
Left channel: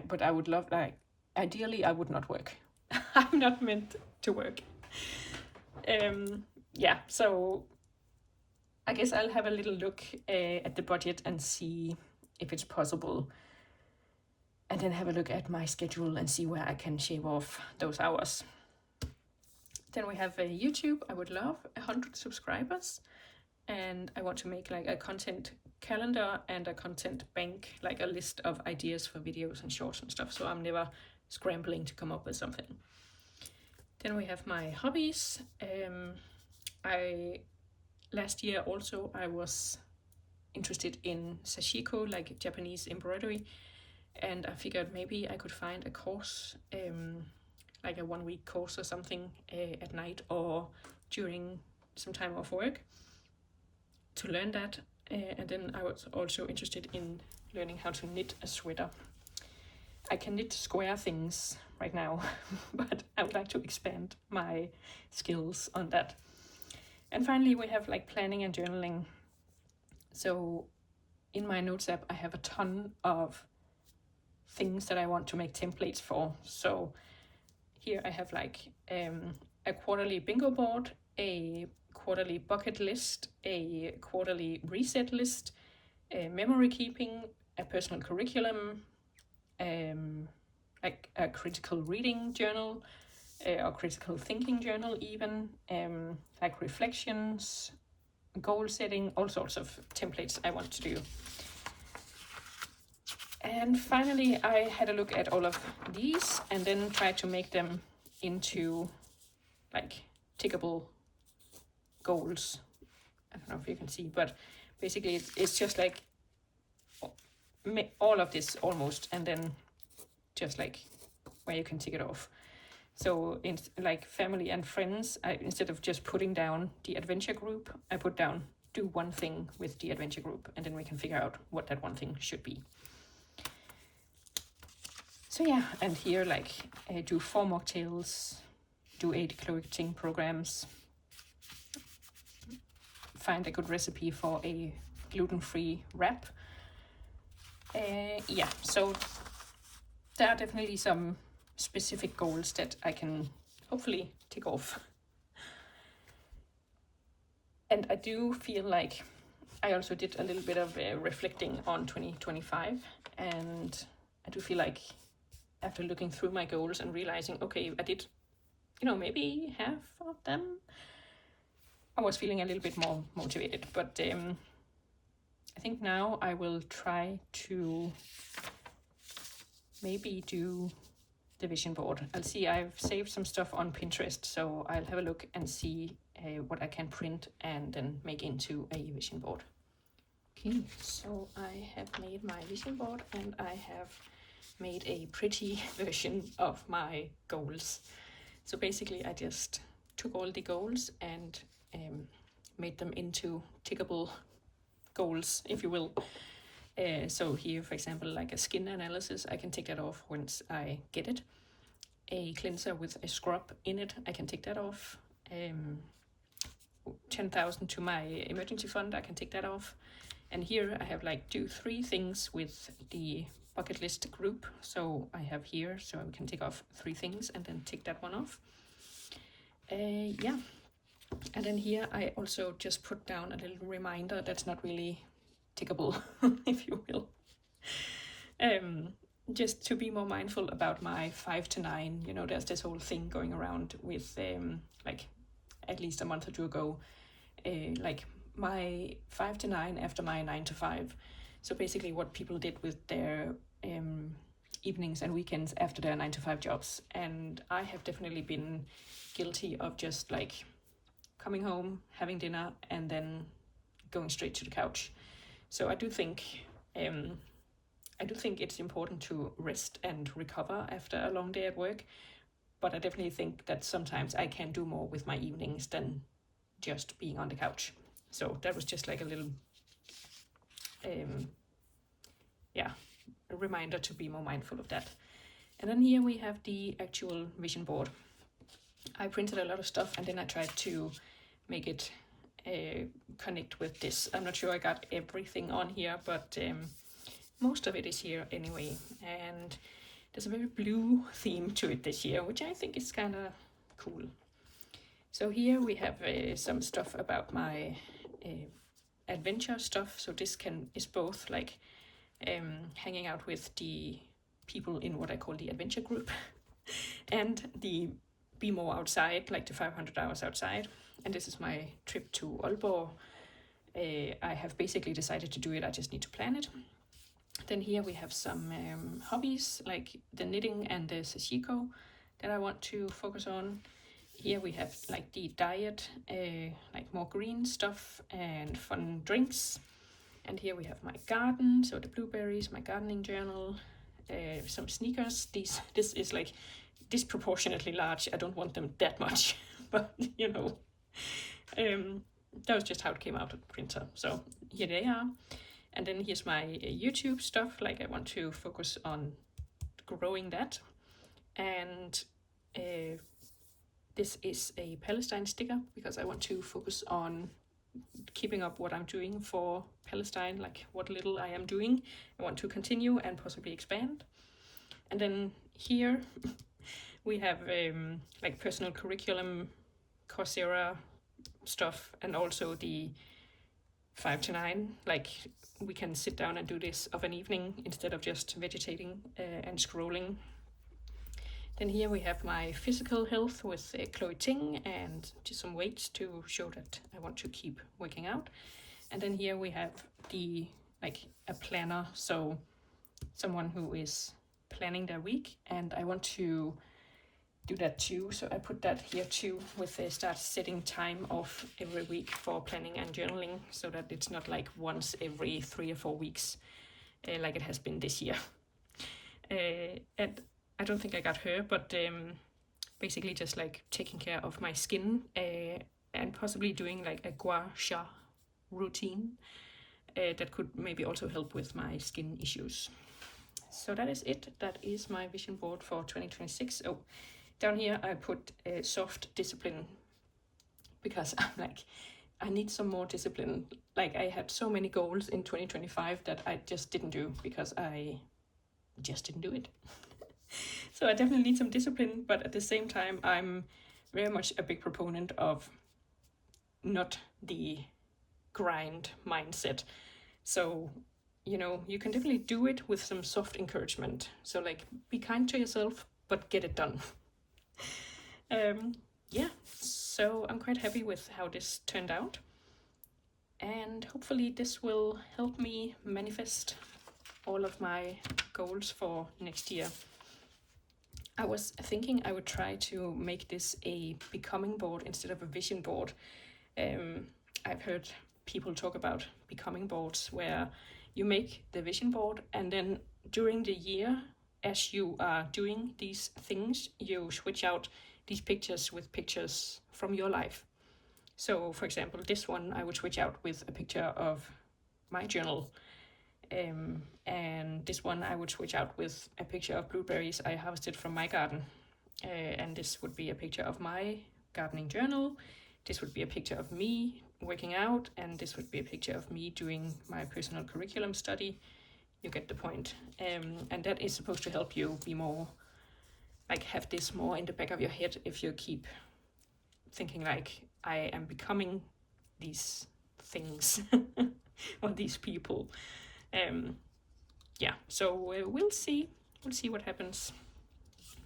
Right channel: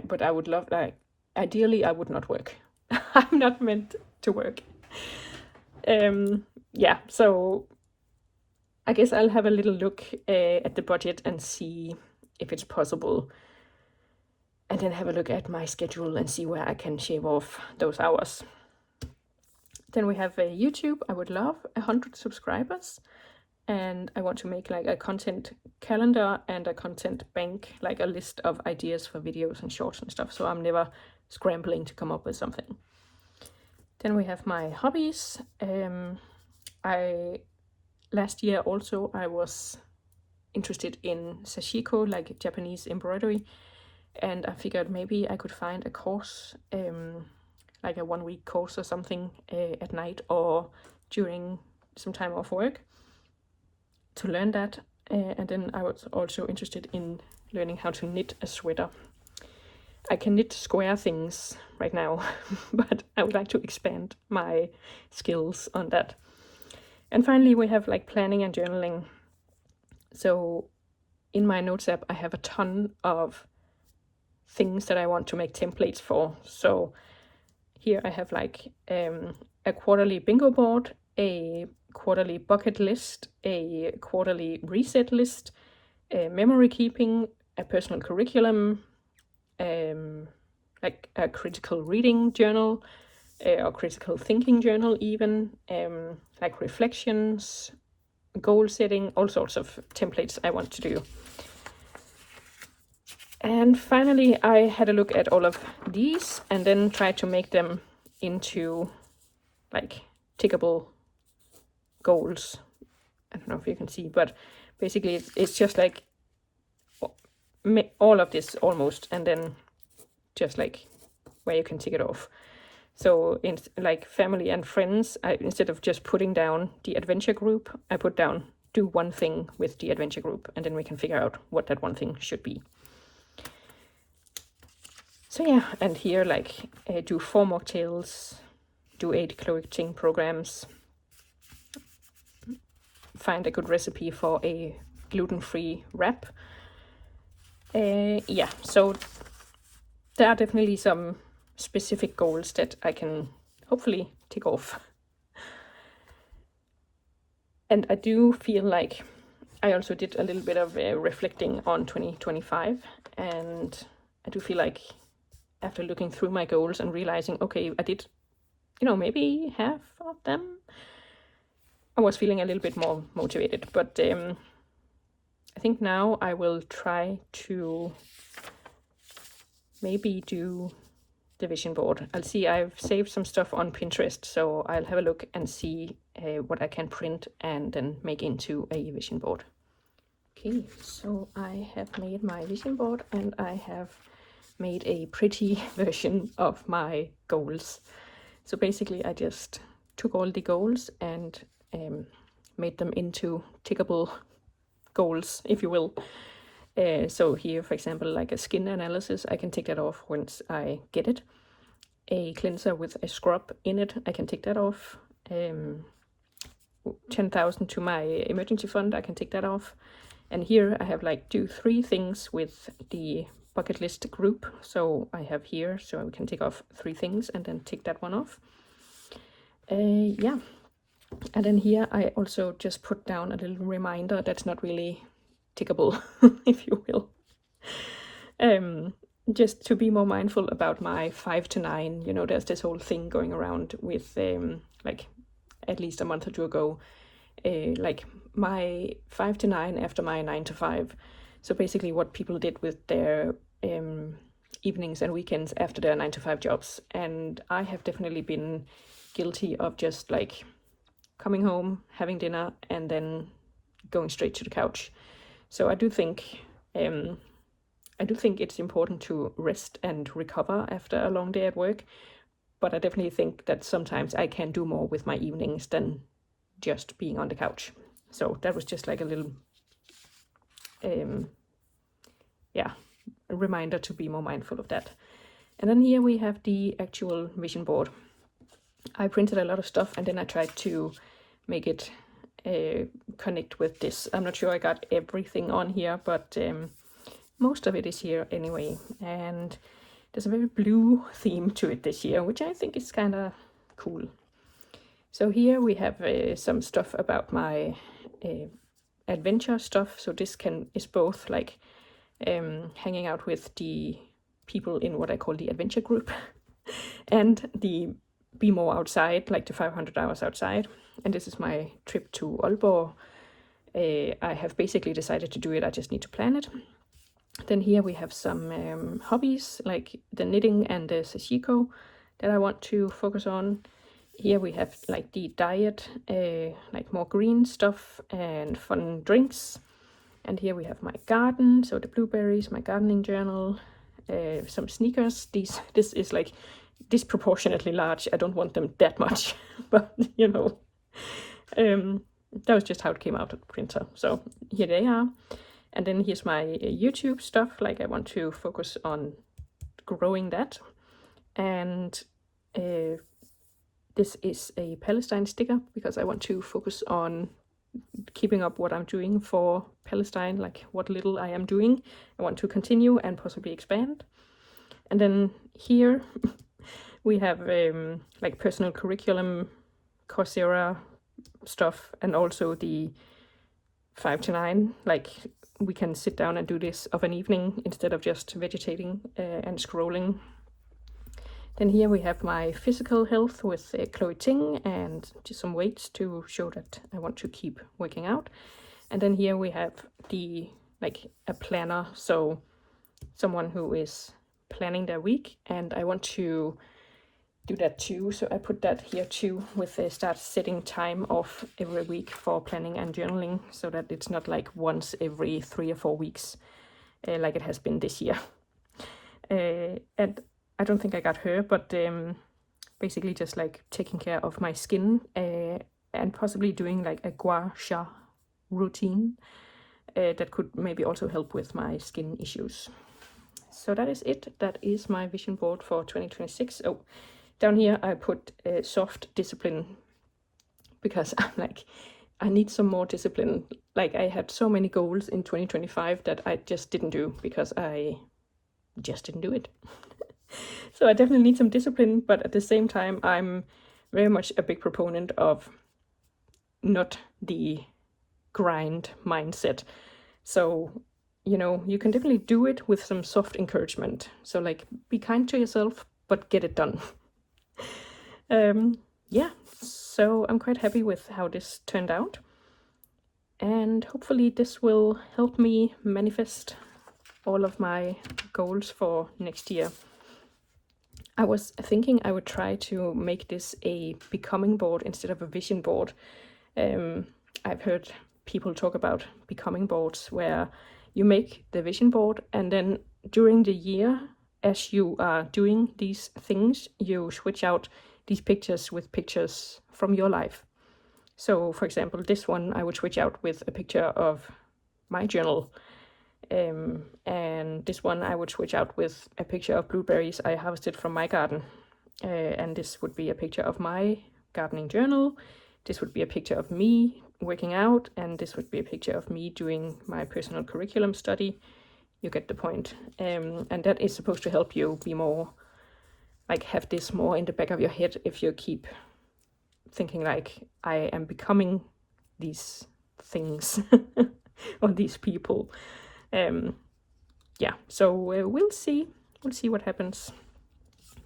But I would love, like, ideally I would not work. I'm not meant to work. Yeah, so I guess I'll have a little look at the budget and see if it's possible, and then have a look at my schedule and see where I can shave off those hours. Then we have YouTube. I would love 100 subscribers, and I want to make like a content calendar and a content bank, like a list of ideas for videos and shorts and stuff, so I'm never scrambling to come up with something. Then we have my hobbies. Last year also I was interested in sashiko, like Japanese embroidery, and I figured maybe I could find a course, like a 1-week course or something, at night or during some time off work to learn that. And then I was also interested in learning how to knit a sweater. I can knit square things right now, but I would like to expand my skills on that. And finally, we have like planning and journaling. So in my notes app, I have a ton of things that I want to make templates for. So here I have like a quarterly bingo board, a quarterly bucket list, a quarterly reset list, memory keeping, a personal curriculum, like a critical reading journal, or critical thinking journal even, like reflections, goal setting, all sorts of templates I want to do. And finally, I had a look at all of these and then tried to make them into like tickable goals. I don't know if you can see, but basically it's just like all of this almost, and then just like where you can tick it off. So in like family and friends, instead of just putting down the adventure group, I put down do one thing with the adventure group, and then we can figure out what that one thing should be. So yeah, and here like do 4 mocktails, do 8 clothing programs, find a good recipe for a gluten-free wrap. Yeah, so there are definitely some specific goals that I can hopefully tick off. And I do feel like I also did a little bit of reflecting on 2025, and I do feel like after looking through my goals and realizing, okay, I did, maybe half of them, I was feeling a little bit more motivated. But I think now I will try to maybe do the vision board. I'll see, I've saved some stuff on Pinterest, so I'll have a look and see what I can print and then make into a vision board. Okay, so I have made my vision board and I have made a pretty version of my goals. So basically I just took all the goals and made them into tickable goals, if you will. So here, for example, like a skin analysis, I can tick that off once I get it. A cleanser with a scrub in it, I can tick that off. 10,000 to my emergency fund, I can tick that off. And here I have like do 3 things with the bucket list group. So I have here, so I can tick off 3 things and then tick that one off. Yeah. And then here I also just put down a little reminder that's not really tickable, if you will. Just to be more mindful about my 5 to 9. There's this whole thing going around with like at least a month or 2 ago, like my 5 to 9 after my 9 to 5. So basically what people did with their evenings and weekends after their 9 to 5 jobs. And I have definitely been guilty of just like coming home, having dinner, and then going straight to the couch. So I do think it's important to rest and recover after a long day at work, but I definitely think that sometimes I can do more with my evenings than just being on the couch. So that was just like a little a reminder to be more mindful of that. And then here we have the actual vision board. I printed a lot of stuff and then I tried to make it connect with this. I'm not sure I got everything on here, but most of it is here anyway. And there's a very blue theme to it this year, which I think is kind of cool. So here we have some stuff about my adventure stuff. So this is both like hanging out with the people in what I call the adventure group and the be more outside, like the 500 hours outside. And this is my trip to Aalborg. I have basically decided to do it, I just need to plan it. Then here we have some hobbies like the knitting and the sashiko that I want to focus on. Here we have like the diet, like more green stuff and fun drinks. And here we have my garden, so the blueberries, my gardening journal, some sneakers. This is like disproportionately large. I don't want them that much, but that was just how it came out of the printer. So here they are. And then here's my YouTube stuff, like I want to focus on growing that. And this is a Palestine sticker because I want to focus on keeping up what I'm doing for Palestine, like what little I am doing. I want to continue and possibly expand. And then here we have like personal curriculum, Coursera stuff, and also the 5 to 9, like we can sit down and do this of an evening instead of just vegetating and scrolling. Then here we have my physical health with Chloe Ting and just some weights to show that I want to keep working out. And then here we have a planner, so someone who is planning their week, and I want to do that too, so I put that here too with start setting time off every week for planning and journaling, so that it's not like once every 3 or 4 weeks like it has been this year. And I don't think I got her, but basically just like taking care of my skin, and possibly doing like a gua sha routine that could maybe also help with my skin issues. So that is it. That is my vision board for 2026. Oh, down here I put soft discipline, because I'm like, I need some more discipline. Like, I had so many goals in 2025 that I just didn't do because I just didn't do it. So I definitely need some discipline, but at the same time, I'm very much a big proponent of not the grind mindset. So, you know, you can definitely do it with some soft encouragement. So, like, be kind to yourself, but get it done. Yeah, so I'm quite happy with how this turned out. And hopefully this will help me manifest all of my goals for next year. I was thinking I would try to make this a becoming board instead of a vision board. I've heard people talk about becoming boards where you make the vision board, and then during the year, as you are doing these things, you switch out these pictures with pictures from your life. So, for example, this one I would switch out with a picture of my journal. And this one I would switch out with a picture of blueberries I harvested from my garden. And this would be a picture of my gardening journal. This would be a picture of me working out, and this would be a picture of me doing my personal curriculum study. You get the point. And that is supposed to help you be more, like, have this more in the back of your head if you keep thinking like, I am becoming these things or these people. Yeah, so we'll see what happens.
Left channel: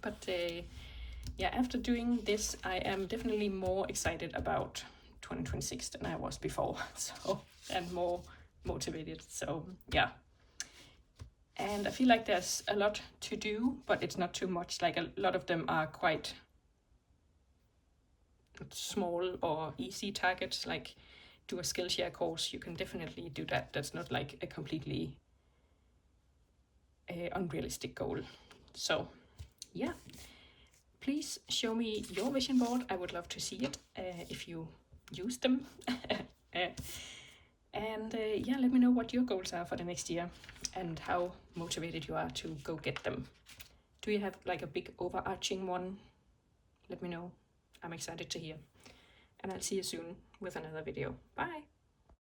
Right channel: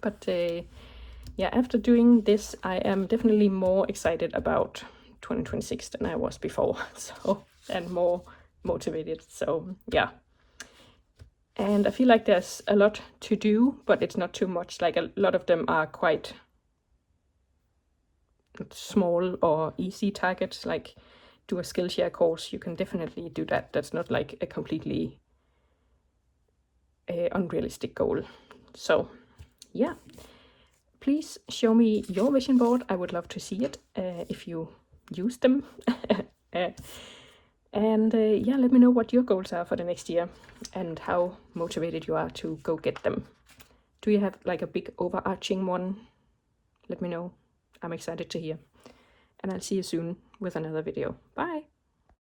But yeah, after doing this, I am definitely more excited about 2026 than I was before. So, and more motivated. So yeah, and I feel like there's a lot to do, but it's not too much. Like, a lot of them are quite small or easy targets. Like, do a Skillshare course, you can definitely do that. That's not like a completely unrealistic goal. So yeah, please show me your vision board. I would love to see it if you use them. And yeah, let me know what your goals are for the next year and how motivated you are to go get them. Do you have like a big overarching one? Let me know. I'm excited to hear. And I'll see you soon with another video. Bye!